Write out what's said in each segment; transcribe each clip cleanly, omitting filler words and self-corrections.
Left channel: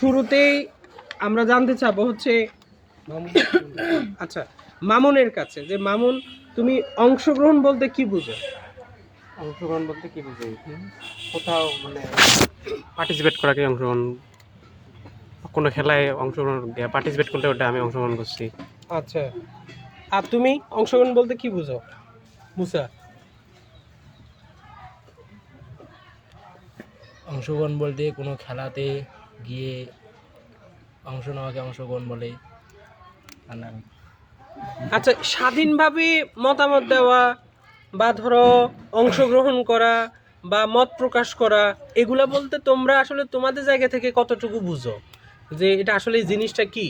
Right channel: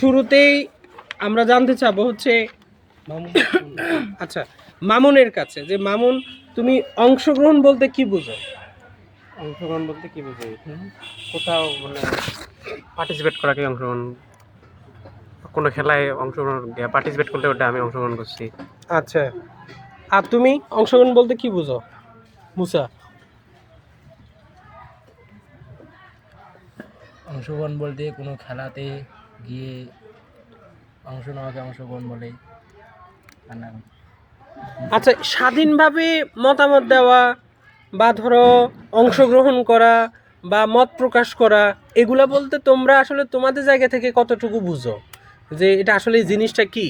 শুরুতেই আমরা জানতে চাবো হচ্ছে আচ্ছা মামুনের কাছে, যে মামুন তুমি অংশগ্রহণ বলতে কি বুঝো? অংশগ্রহণ বলতে কি বুঝি? কোথাও মানে পার্টিসিপেট করাকে অংশগ্রহণ, কোনো খেলায় অংশগ্রহণ পার্টিসিপেট করলে ওটা আমি অংশগ্রহণ করছি। আচ্ছা, আর তুমি অংশগ্রহণ বলতে কি বুঝো মুসা? অংশগ্রহণ বলতে কোনো খেলাতে গিয়ে অংশ নেওয়াকে অংশগ্রহণ বলে। আচ্ছা, স্বাধীনভাবে মতামত দেওয়া বা ধরো অংশগ্রহণ করা বা মত প্রকাশ করা, এগুলা বলতে তোমরা আসলে তোমাদের জায়গা থেকে কতটুকু বুঝো যে এটা আসলে এই জিনিসটা কি?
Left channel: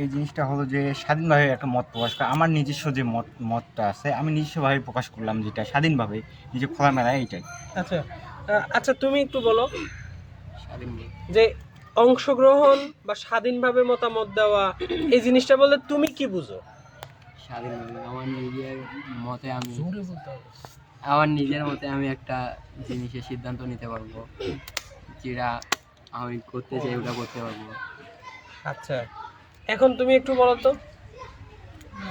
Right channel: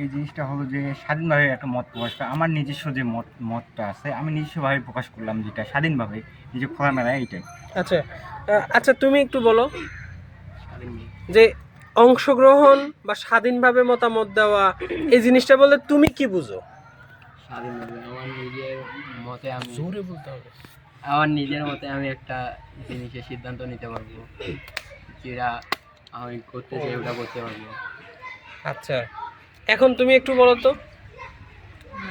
এই জিনিসটা হলো যে স্বাধীনভাবে একটা মত প্রকাশ করা। আমার নিজস্ব যে মতটা আছে আমি নিজস্বভাবে প্রকাশ করলাম, যেটা স্বাধীনভাবে নিজে খোলামেলায়, এইটাই। আচ্ছা আচ্ছা, তুমি একটু বলো যে অংশগ্রহণ বা স্বাধীনভাবে মতামত দেওয়া এই জিনিসটা বলতে তুমি কি বুঝো? স্বাধীনভাবে আমার নিজের মতে আমি জোরে বলতে হবে। আমার নিজের মতে আমি একটা জিনিসের সিদ্ধান্ত নিতে পারবো, যেটা আমি করতে চাই ওটা করতে পারবো। আচ্ছা, এখন তুমি একটু বলো তো।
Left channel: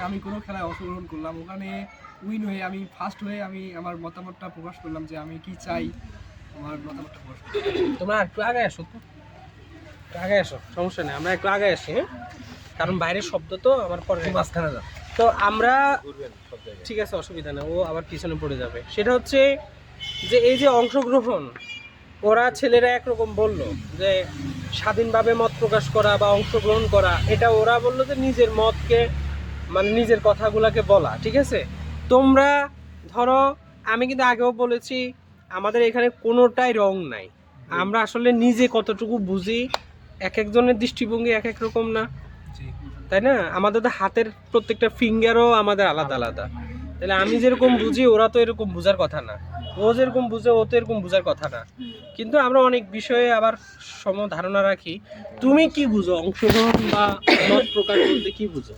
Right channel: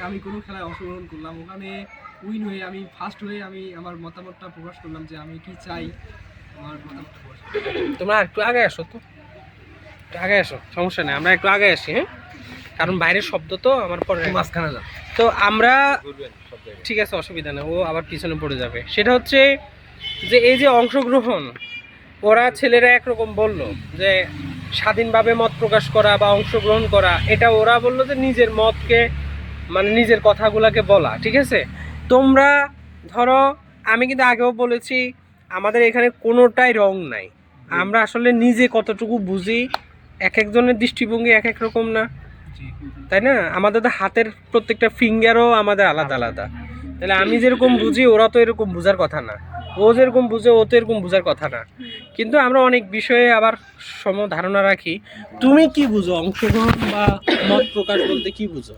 আমি কোনো খেলায় অংশগ্রহণ করলাম, ওখানে উইন হয়ে আমি ফার্স্ট হয়ে আমি আমার মতামতটা প্রকাশ করলাম যে আমি কি চাই, আমার মতামতটা প্রকাশ করলাম। তোমরা একটু আগে আসো তো, একটু আগে আসো, সমস্যা নেই, আমরা একটু আগে আসি। হ্যাঁ, কারণ বাইরের শব্দ তো আমার পরে মাঝখানে যা। তো আমরা ঠিক আছে, অসুবিধা নেই, ও আবার পিছনে পড়ে যাবে। সেটা হচ্ছে যে এই যে অংশগ্রহণ, ওরা ছেলেরা একরকম বলল যে স্বাধীনভাবে মত প্রকাশ করা বা অংশগ্রহণ করা, এটা ওরা বললো যে নিজের মতকে মানে নিজের কথাগুলোকে বলা, ঠিক আছে। তোমরা ধরো, আমি কিন্তু আগেও বলেছি আমাদের এখানে কোনোটাই রং নাই, আমরা আসলে নিজে কতটুকু বুঝি, এক একজনের দৃষ্টিভঙ্গি এক এক রকম না, তাই না? আমাদের তো হাতের প্রত্যেকটা ফিঙ্গারও আমাদের আলাদা আলাদা। তাহলে আমি যেরকম বুঝি ওরা তো এরকম বোঝার কথা না, ও যেরকম বুঝে ও তো এরকম বোঝার কথা না, কিন্তু আমরা অনেক বিষয়ে আবার সম ধারণা রাখি। তুমি কি বুঝো অংশগ্রহণ বা মত প্রকাশ বলতে কি বুঝো?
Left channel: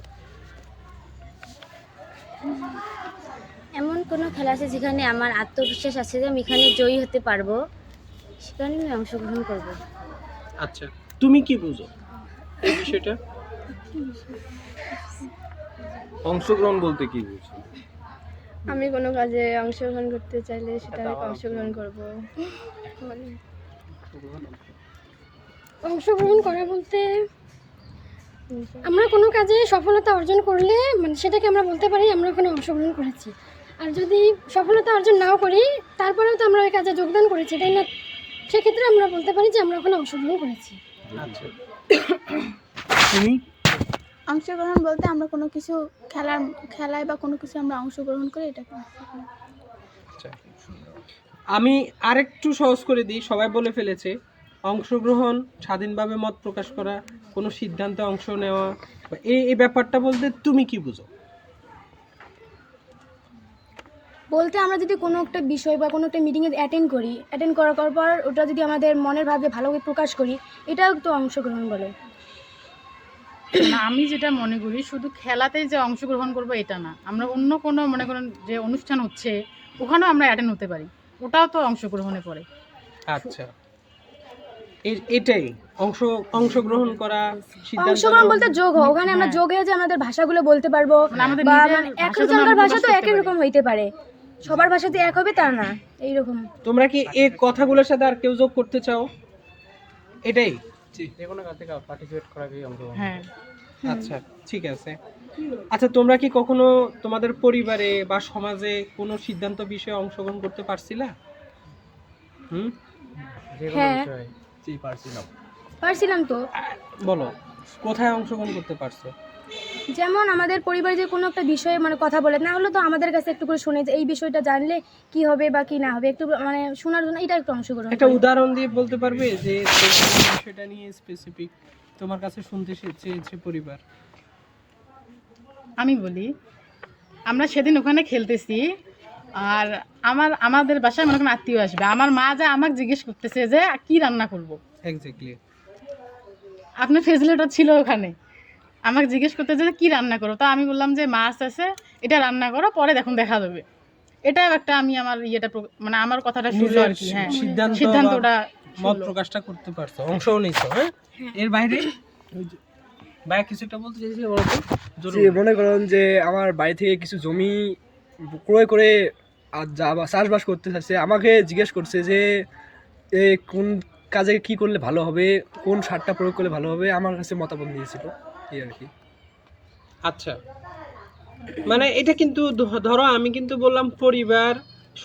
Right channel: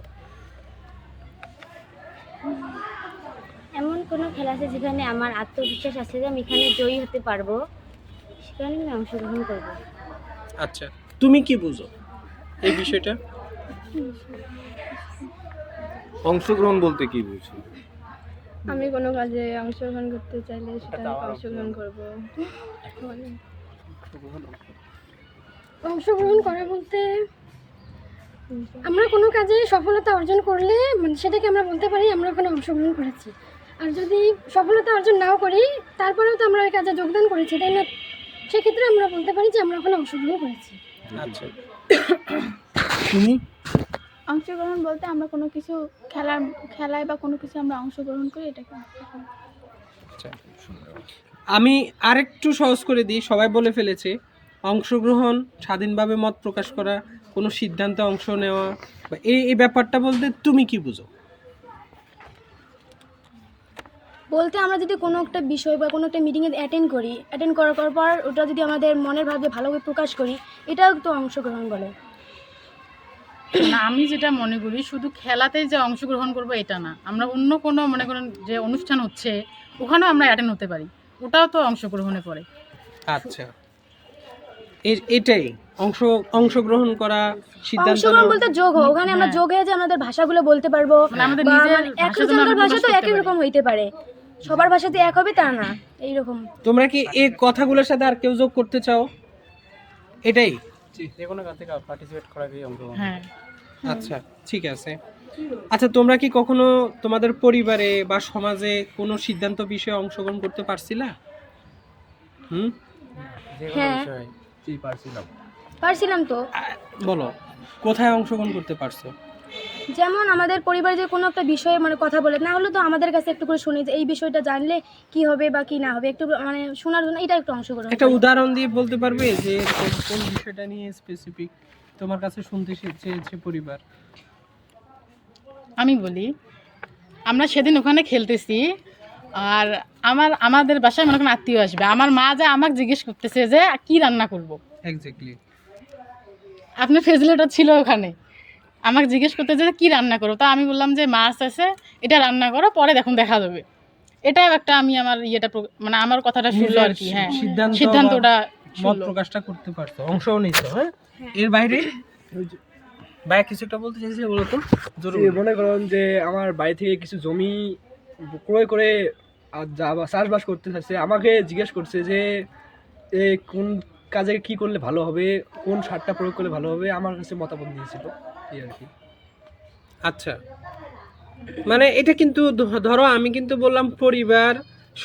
এমন কোনো খেলা আছে যেখানে আমার আত্মবিশ্বাস আছে যে আমি এখানে জয়ী হতে পারবো, সেখানে আমি অংশগ্রহণ করবো। আচ্ছা, তুমি কি বুঝো এই বিষয়টা? অংশগ্রহণ বলতে কি বুঝি? আমি কোনো কাজে অংশগ্রহণ করতে চাইলে সেটা আমি অংশগ্রহণ করব। অংশগ্রহণ করা বলতে আমরা কোনো কাজে সফলতা অর্জন করলে মানে সেটাকে আমরা বলতে পারি আমরা ওখানে অংশগ্রহণ করেছি। আর যদি সফলতা অর্জন নাও করি তারপরেও তো আমরা ওই কাজে যোগদান করেছি, তাই না? সেক্ষেত্রে আমরা বলতে পারি যে আমরা ওখানে অংশগ্রহণ করেছি। আচ্ছা, তুমি? অংশগ্রহণ বলতে আমরা কোনো কিছু খেলায় বা কোনো কিছু আমরা অংশগ্রহণ করি, এটাকে আমি আরেকটু সহজ করে দিই, সবাই বলে ফেলেছে। অংশগ্রহণ, স্বাধীনভাবে মত প্রকাশ করা, কোনো সিদ্ধান্তে অংশ নেওয়া, বা এই ব্যাপারটা বলতে তুমি কি বুঝো? বলতে আমরা যদি কোনো একটা বিষয় বা কোনো একটা মিটিংয়ে অ্যাটেন্ড করার পর ওটা যদি আমাদের মনের ভাবে ভালোভাবে প্রকাশ করি, এটাও তো অংশগ্রহণ বলে। না, আমি যেটা মনে করি শুধু খেলাতেই যে অংশগ্রহণ করবো এটা না, আমরা অন্য কোনো মনে করেন যে অনুষ্ঠান হচ্ছে ওখানেও আমরা অ্যাটেন্ড হতে পারি, ওটাও তো অংশগ্রহণে পড়ে। আচ্ছা, এটাই অংশগ্রহণ করা, সিদ্ধান্ত অংশগ্রহণ বলতে যোগ হয়, ওখানে আমরা যোগ হয়ে যে আমাদের ভাষাগুলো বলতে পারবো, আমাদের বা নিজের একজনের ভাষা তো একই রকম হইতে পারে, সবার ভাষা তো এক হবে তা না, এইরকম। তোমরা কি এই কথাগুলোর সাথে আর কেউ যোগ করতে চাও? এটাই। যে কোনো কাজে পার্টিসিপেট করাকে অংশগ্রহণ। হ্যাঁ, আচ্ছা, ঠিক আছে। আচ্ছা, তোমরা কি কখনো তোমাদের পরিবারে বা সমাজে কোনো সিদ্ধান্ত বিষয়ে অংশগ্রহণ করতে পারছিলা? যে কোনো হ্যাঁ। বিষয়ে জি পারছিলাম তো। বলো, কোথায় অংশগ্রহণ করতে পারছো? যেমন আমাদের পরিবারে যে কোনো একটা বিষয়ে মানে কথা বলে না হলে তো আমাদের কাছে একটু করে শুনে যে এই বিষয়টা জানলে কি হবে বা কি না হবে, একটু মানে শোনার জন্য এটা একটু অংশগ্রহণ একটা করি। উদাহরণ দিয়ে বলতে পারবে যে কোন বিষয়টা নিয়ে স্পেসিফিক তোমার কাছে শুনতে চেয়েছে পরিবার? আমি বলি, আমরা সেদিন ওখানে খেলতেছি, আর আমাদের বাসায় মনে করেন আত্মীয় আসবে, আমার মা যা আমাকে জিজ্ঞেস করতেছে যে কি রান্না করব। এক্স্যাক্টলি, আপনার ফেসিলিটি ছিল ওখানে, আমাকে জিজ্ঞেস করতে যে কি রান্না করবো, তা আমি বললাম যে মাছ আছে, এটা রান্না করো, পরে দেখুন দেখা যাবে। এটা একটা আমি আমার ইয়েটা মানে আমার কথাটা শুনলো আর কি। হ্যাঁ, সিদ্ধান্তটা মত প্রকাশটা করতে পারছো, অংশও নিছো, হ্যাঁ? এর বাইরে ভাই কিছু একটা বলতে চাইছিলে, বলো তো। যে মনে করেন যে আমার বাড়ি থেকে কিছু জমি ক্রয় করে আর চাষবাস করতে চাচ্ছে, আমাকে জিজ্ঞেস করছে যে কোন কাজে কি করলে ভালো হবে, কোন সারটা প্রয়োগ করলে ভালো হবে, আমার কাছে মতামত দিয়েছিল এই আর কি। আচ্ছা, মানে এটা কিন্তু ধরো আমি কিন্তু বললাম পরিবার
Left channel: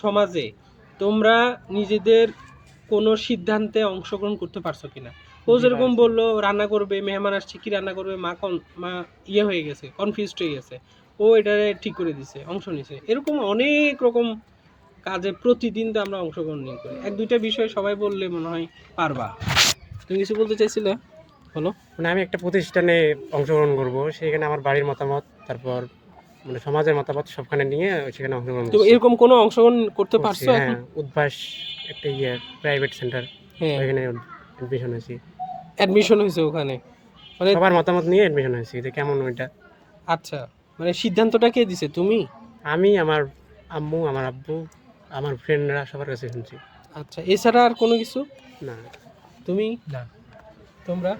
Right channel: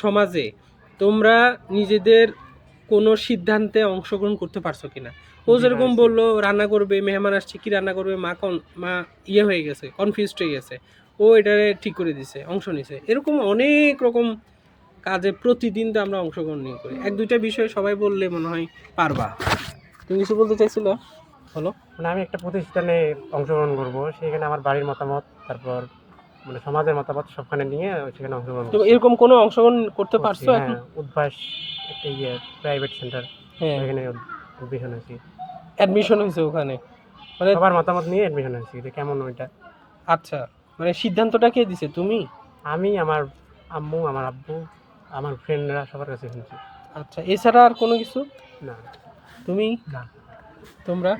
সমাজে তোমরা নিজেদের কোনো সিদ্ধান্তে অংশগ্রহণ করতে পারছো কিনা। ও যেরকম বললো রান্না করবে, মেহমান আসছে কি রান্না করবে, মা ইয়ে হয়ে গেছে, কনফিউজড হয়ে গেছে, ও এটা ঠিক করে দিছে, অংশ নিছে। এরকম অনেক রকম কাজে প্রতিদিন তো আমরা অংশগ্রহণ নিয়ে করি। এক দুইটা বিষয় সবাই বললে মনে হয় পারবা। তুমি কিছু বলতে চাইছিলে, বলো। মানে আমি একটা প্রতিষ্ঠানে অংশগ্রহণ করব, সেখানে আমার বাড়ির মতামত, তারপর মানে সমাজের মতামত সবখানে নিয়ে সেখানে অংশগ্রহণ তো করছি। এরকম কোনো অংশগ্রহণ করতে করছি, পারছো এখন? হ্যাঁ, উদ্ভাস একটা প্রাইভেট সেন্টার, হ্যাঁ, ওখানে অ্যাডমিশন হয়েছি। অ্যাডমিশন হয়েছে ওখানে, মানে সবার মতামত নিয়ে অ্যাডমিশন হয়েছি যে কেমন ওইটা। আচ্ছা, মানে সিদ্ধান্তটা কে দিছে, তুমি? আমি, আমার আম্মু, আমার আব্বু, আমার ফ্রেন্ডরা সবার কাছে শুনছি। আচ্ছা, এছাড়া আর কোনো কিছু? না। তুমি? না। তোমরা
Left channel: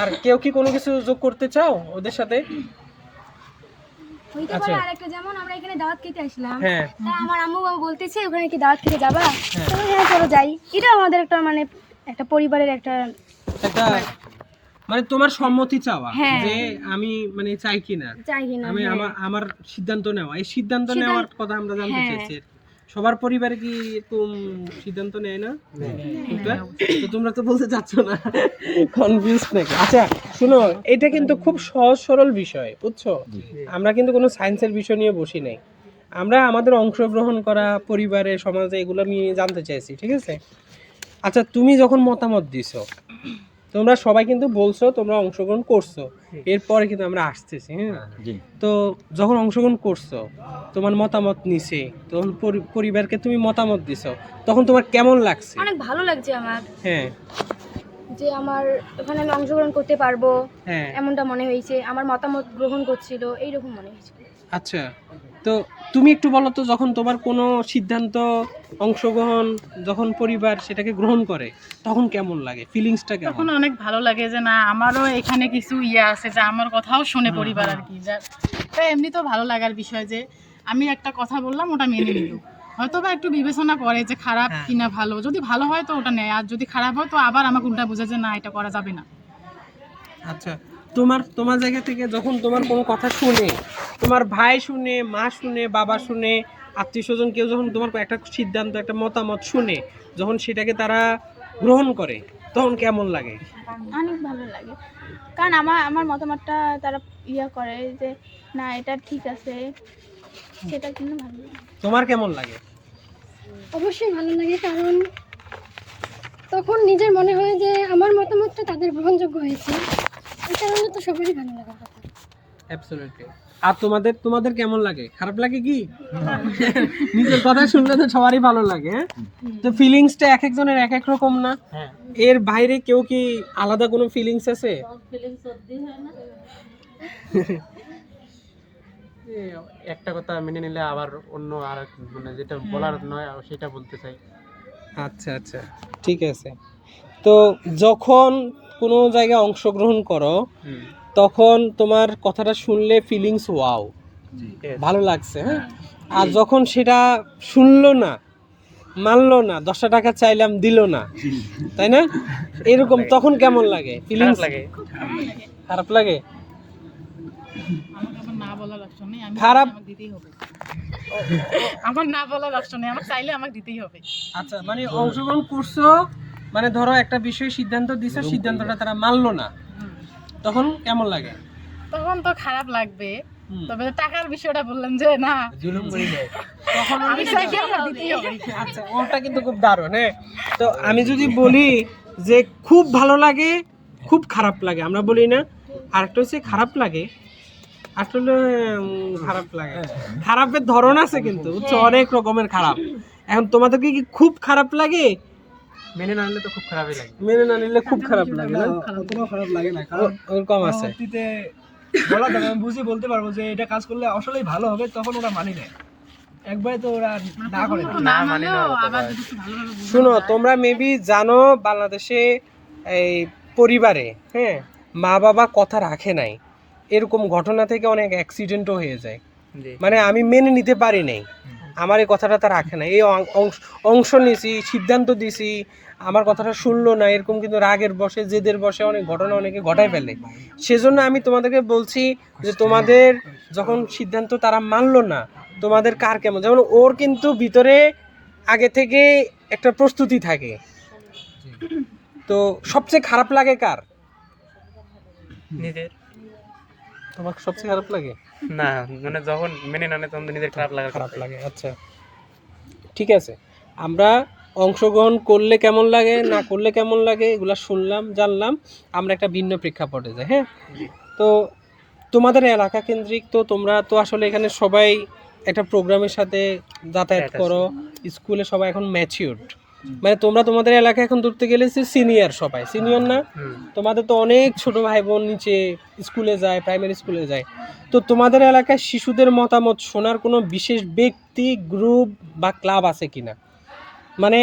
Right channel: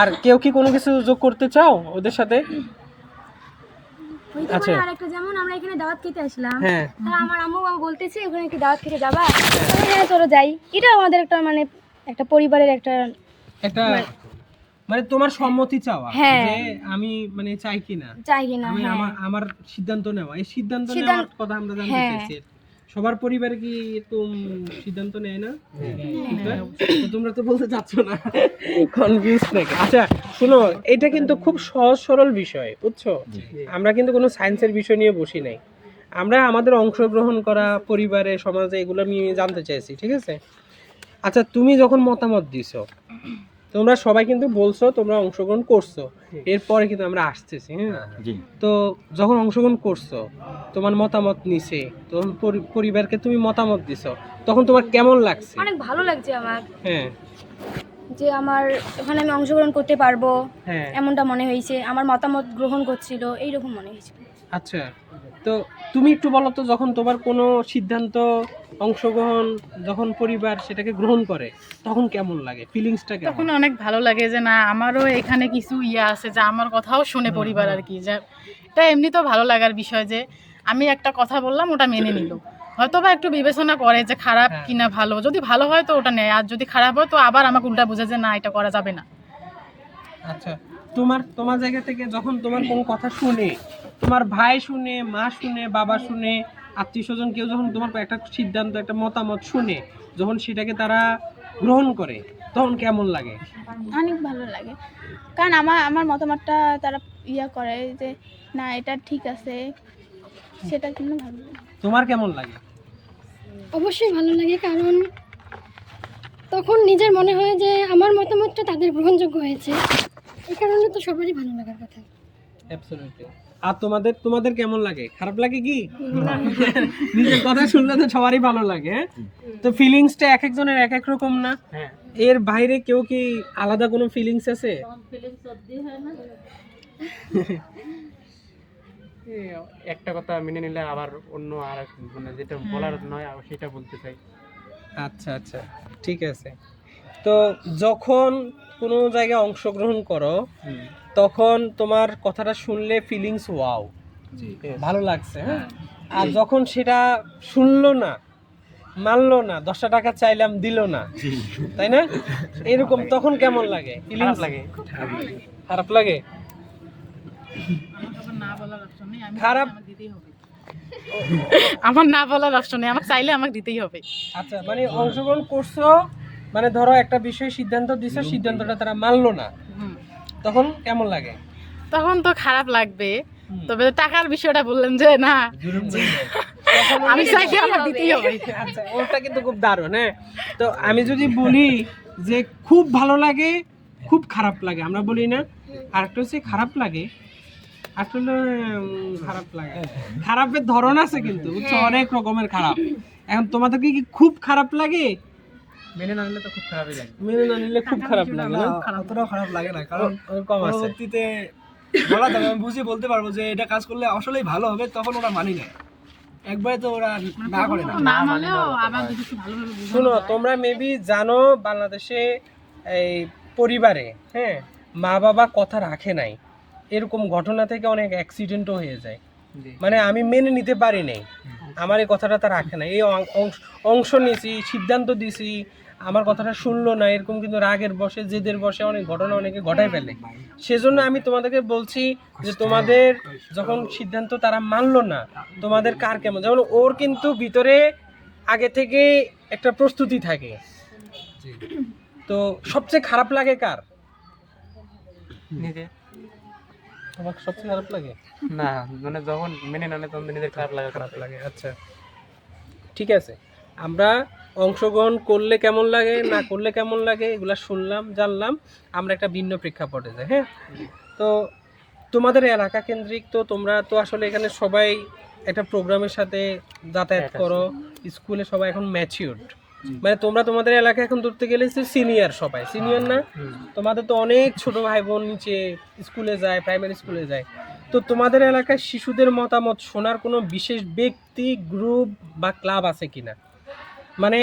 আর কেউ কি কোনো কিছু যোগ করতে চাও ওদের সাথে? হইতে আচ্ছা। পারে আরেকটা, যেমন আমরা এখানে দাওয়াত খেতে আসলাম, হ্যাঁ, তা আমার আম্মু বলতেছে ওখানে কি দাওয়াত খেতে যাবা, হ্যাঁ চলো যাই। এটা আমাদের একটা মানে একটা পরিবারের একটা একটা মানে তোমার সম্মতি চাওয়া হ্যাঁ। যে আমি মানে চাই কিনা, চাই কিনা। আমি হ্যাঁ। আমার সিদ্ধান্ত নেওয়া, এই সিদ্ধান্ত নেওয়ার কথা আমরা জানতে হ্যাঁ। চাইছি। সবার পরিবারে কি এরকম সিদ্ধান্ত নেয় না? তো তোমরা তো বলতে চাচ্ছ না, কনফিউজ নাকি? আচ্ছা শুনো, এটা কিন্তু খুব সহজ সরল বিষয়, বুঝছো? আমরা কিন্তু কোনো সায়েন্সের বিষয় নিয়ে বসি নাই, আমরা আমাদের অংশগ্রহণ করা পরিবারে সমাজে এগুলো নিয়ে জানতে চাইছি, ঠিক আছে? আচ্ছা, তুমি যখন মতামত দিছো, তোমরা সবাই কিন্তু বলছো তোমরা অংশগ্রহণ করছো, এরপরে কিন্তু আমরা আসতেছি, হ্যাঁ? জি। তো যখন অংশগ্রহণ করছো, তোমার মতামত নিছে, তখন পরিবারকে তুমি মতামত দিছো, তখন তোমার কেমন লাগছে? অনেক ভালো লাগছে আমার, হ্যাঁ, যে আমার ওখানে আমি অংশগ্রহণ করতে পারবো হ্যাঁ। এমনটা মনে হয়েছে, আমার মতামত গ্রহণ করছিল এইরকম মনে হয়েছিল। আচ্ছা, তো তুমি একটু বলো তো, যখন তোমার কোনো সিদ্ধান্ত অংশগ্রহণ যখন পরিবার সেটাকে গ্রহণ করে তখন কেমন লাগে, ফিলিংসটা কেমন? তখন অনেক ভালো লাগে যে না আমারও এখানে কিছু ইয়ে আছে, যে আমার কথাও শুনে পরিবার আর কি। যা এটা এমনি তো ভালো লাগার বিষয় যে আমি একটা কথা বললাম ওটা মেনে নিল, হয়তো বা একটু বিবেচনা করে যে খারাপ কিনা ভালো, যদি ভালো হয় তো ওটা নেয়, আর যদি খারাপ হয় তো আবার আমাকে উল্টা বোঝে যে না এটা করা যাবে না। আচ্ছা, তোমার জায়গা থেকে যখন তোমার কোনো কথা শুনে, তোমার ভাই শুনে, মা শুনে, বাবা শুনে, আত্মীয় স্বজন কেউ যখন তোমার একটা সিদ্ধান্ত, একটা মতামত শুনে, যখন সেটাকে তারা গ্রহণ করে তখন কেমন লাগে? অনেক ভালো লাগে, কারণ আমার মতামতটা তারা করে যে না এটা ঠিক আছে, সেটা কিন্তু ভালো লাগে। তোমার কেমন লাগে? অবশ্যই ভালো লাগে, কারণ তখন নিজের মনে হয় যে আমার মতামতটা তাদের গ্রহণযোগ্য হয়েছে, এই কারণে তো সবারই ভালো লাগার কথা। অ্যাবসলিউটলি। আর তোমাদের কেমন লাগে? খারাপ লাগে কি? নিজের কথা শুনলে তো সবারই ভালো লাগে, হ্যাঁ? তো ফিলিংসটা এক একজনের এক এক রকম না? হ্যাঁ। এর বাইরে কেউ কি আলাদা কোনো ফিলিংস আছে? একটা কথা মেনে নিলে আবার অন্য আর মানে যেটা বলার নয় সেটা বলতে চাই। আচ্ছা আচ্ছা, ঠিক আছে। তো যখন কোনো জায়গায় অংশগ্রহণ করো তখন তোমার কথাটা শুনলে ফিলিংস ওয়াও, ভালো লাগছে, হ্যাঁ? আর যখন সেটা শুনলো না, মানলো না, 10 টাকা চাইলাম দিল না, তাই না? এরকম তখন কেমন লাগে? ফিলিংস লাগে, খারাপ লাগে। আমার না বলার অপশন নেই, আমি খারাপ আমাকে দিতেই হবে। আমার না বলার অপশন নেই, আমাকে চাইলে আমাকে দিতেই হবে। আচ্ছা, মানে অংশগ্রহণ করছো, মানে ধরো একটা বিষয়ে সিদ্ধান্ত দিছো, সিদ্ধান্তটা তারা মানলো না, তখন কেমন লাগে? তখন তো খারাপ লাগবে, তবে টাকার বিষয়টা বললেন যে না তখন আমি চাইলে আমার দিতেই হবে। আচ্ছা, ওটা কিন্তু খুব দারুণ, হ্যাঁ? তো আমি যদি বলি যে খুব ভালো লাগে, খুব খারাপ লাগে, আমরা বলি না? আরেকটা হচ্ছে খারাপ লাগে, আসলে খারাপ লাগে, খারাপের ধরন আছে কিন্তু, বুঝছো? অনেক রকমের খারাপ। এখন তোমাদেরকে কি খুব খারাপ লাগে? মেনে না নিলে তো খুব খারাপই লাগে। মেনে না নিলে খুব খারাপ লাগে না? অতটাও খারাপ লাগে না, কারণ ওরকম আছে। পরবর্তীতে বলা যাবে, আমি বুঝিয়ে বলতে পারবো যে এটা কাজ করলে আসলেই ভালো হবে, তখন ওরা মানি নেয়। একবারে তো ওরা না করে প্রথমত না মানলেও আবার যদি একটু ভালোভাবে বোঝানো শুনো, যায়। তোমরা মেবি জানো বাংলাদেশে এই পরিবারে, হ্যাঁ, মা বাবা কথা রাখে নাই, এরকম ঘটনা থেকে অনেক অ্যাক্সিডেন্টও হয়ে যায়। মানে আমি মেনে নিতে পারি নাই, আমার এই কথাটা তা রাখে না, এই অংশ নিয়েছি, সিদ্ধান্ত দিছি, আমার কথাটা শুনলো না, এরকম কিন্তু রাগের বসে, জেদের বসে অনেক ঘটনা অনেকে ঘটায় ফেলে। সেজন্য আমি তোমাদেরকে বলছি যে তোমাদের যখন সিদ্ধান্ত তারা মানলো না, তোমাদের কার কেমন, যেমন ওর কিন্তু ভিতরে আগে থেকে একটা প্রস্তুতি থাকে। তো সবচেয়ে খারাপ লাগে কার? নিজের তোমার সবচেয়ে খারাপ লাগে? না, মানে যখন মেনে না নেয় তখন তো নিজের খারাপ খারাপ লাগে। আচ্ছা, ঠিক আছে, আমরা অংশগ্রহণ করলে কেমন লাগে, না করলে কেমন লাগে, এগুলা শুনলাম, জানলাম। আমরা একটা ভিন্ন প্রেক্ষাপটে যাই। হ্যাঁ, তো তোমাদের এলাকা কেন্দ্রিক, তো তোমরা তো আসলে এখানে সবাই একটা প্রোগ্রামের সাথে যাতায়াত করো, স্কুলে সবাই এখন ম্যাচিউরড, মানে তোমরা তোমাদের এলাকা এখন ধরতে গেলে সিনিয়র, সবাই সিনিয়র না? তোমাদের তো অনেক ছোট ভাই বোন নিচে স্কুলে যায়, প্রাইমারি স্কুলে যায়। তো তোমাদের এলাকায় শিশুদের মতামত শোনার কোনো বিশেষ ব্যক্তি, গ্রুপ বা ক্লাব আছে কিনা? মানে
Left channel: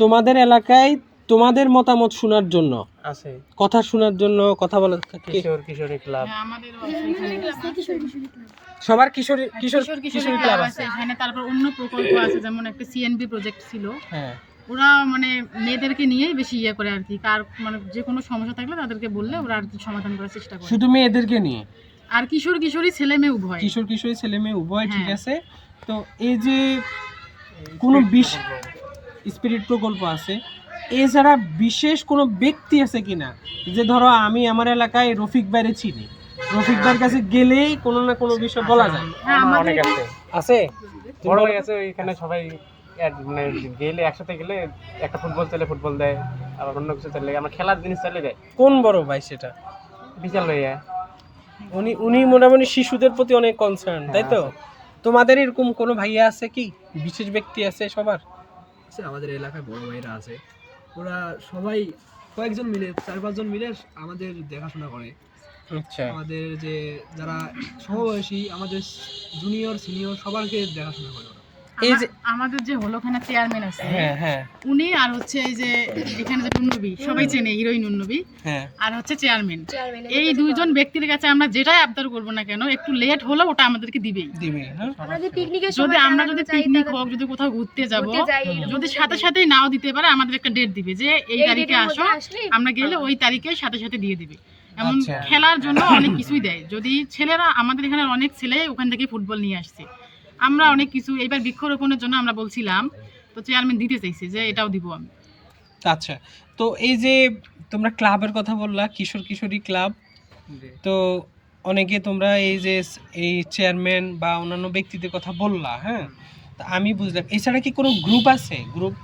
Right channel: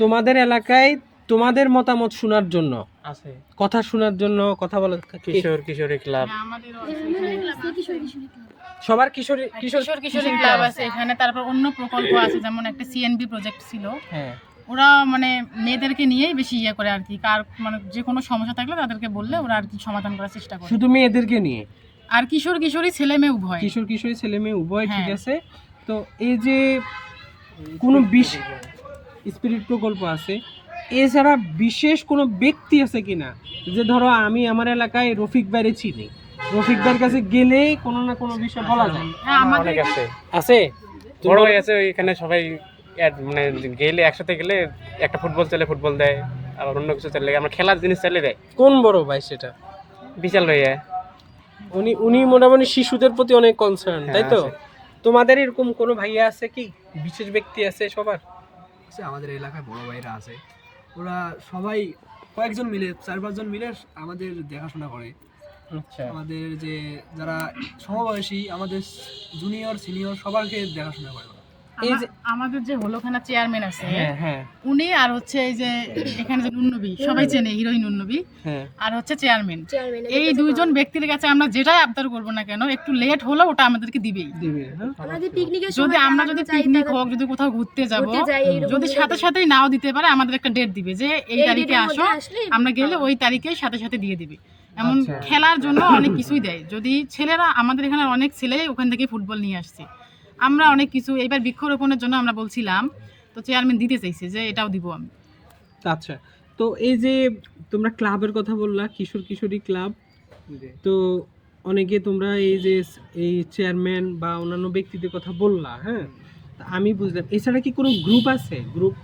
তোমাদের এলাকায় তোমাদের মতামত শোনার জন্য, আছে কথা শোনার জন্য, কথা বলার, কিশোরী ক্লাব, হ্যাঁ, আমাদেরও আছে এখানে কিশোর কিশোরী ক্লাব। সবার কিশোরী কিশোরী ক্লাব আছে এখানে। তারপর অন্য প্রকল্প আছে, যেমন একটা সিএনবি প্রজেক্ট ছিল, হ্যাঁ, ওরা মানে মেয়েদেরকে নিয়েই বেশি ইয়ে করে আর কি, কার মানে যে কোনো সমস্যা থাকলে তাদেরকে বললে ওরা আর কি সমাধান করার চেষ্টা করে। শুধু মেয়েদেরকে নিয়ে? আর কিশোর কিশোরী ছেলে মেয়ে উভয়। কিশোর কিশোরী ছেলে মেয়ে উভয়, ঠিক হ্যাঁ। আছে। তো এই যে কোনো স্পিরিট প্রকল্প আছে, এছাড়া বিশেষ কোনো ব্যক্তি আছে কিনা, যে ধরো আমি আমার এলাকায় রফিক ভাইরে চিনি, রফিক ভাইয়ের কাছে গেলেই কোনো না কোনো বিষয় বলা যায়? হ্যাঁ, আমাদের অনেক আছে, আছে বড় হয়ে আছে এখানে সবাই। মানে গেলে একসাথে গেলে একটা ফুটবল চাইলে ফুটবল দেয়, আবার অন্য কিছু চাইলে, আমরা খেলার জিনিস চাইলে দেয়। কোন বড় ভাই সেটা? বিশাল হয়ে উনি মোটামুটি শিশুদের প্রতি অনেক কনসার্ন, তাই তো? তোমাদের এরকম কোনো ভাইয়া আছে কি, বিশেষ ব্যক্তি আছে সবার? আমাদের এলাকায় বড় ভাইরা আছে, ওরা সবাই কয়েকজন মিলে, 4-5 জন মিলে আমাদের দেখাশোনা করে। আচ্ছা, আমাদের যে যারা সমবয়সী, আমাদের জুনিয়র সিনিয়র সবাইকে দেখাশোনা করে। এই যে আমাদের যে হলখানা চেয়ারম্যান আছে, হ্যাঁ হ্যাঁ উনি, আর হচ্ছে এই যে এখানে যে নুন্নবী, সবাই চেনে হিরোইন নুন্নবী, হ্যাঁ, আর হচ্ছে চেয়ারম্যান, এই দুইজন ব্যক্তির কাছে আমরা যেটাই আবদার করবো না কেন, একটু লেট হলো ওটা আমাদেরকে দিবেই দিবে। হ্যাঁ, যদি আমরা যদি পিকনিক হোক, যদি কোথাও ঘুরতে যাব, যদি সাথে সাথেই নাও দিতে পারে, আমাদের একটা ডেট দিবে যে এই তারিখে আসো, আমরা গেলে ওই তারিখে সাথে সাথে দিয়ে দিবে। এমন আচ্ছা। খেলার জন্য অনেক কিছুই দেয়। যদি ছেলেরা, আমাদের এখানে অনেক ছেলে ওখান থেকে ফুটবল নিয়ে আসছে, আমরা অনেক কিছু, এবার বৃক্ষরোপণের জন্য আমরা বলছিলাম, তো চেয়ারম্যান দিতে চাইছে যে এটাও দিব আমি। আচ্ছা, তো এই যে তোমরা ক্লাবের কথা বললা, কিশোর কিশোরী ক্লাব, তো অনেকে তোমরা এই যে এই চেয়ারম্যান বা অন্যান্য ব্যক্তিদের কথা বললা, হ্যাঁ, তা আমি বুঝলাম। এছাড়া কি কোনো গ্রুপ আছে? গ্রুপ,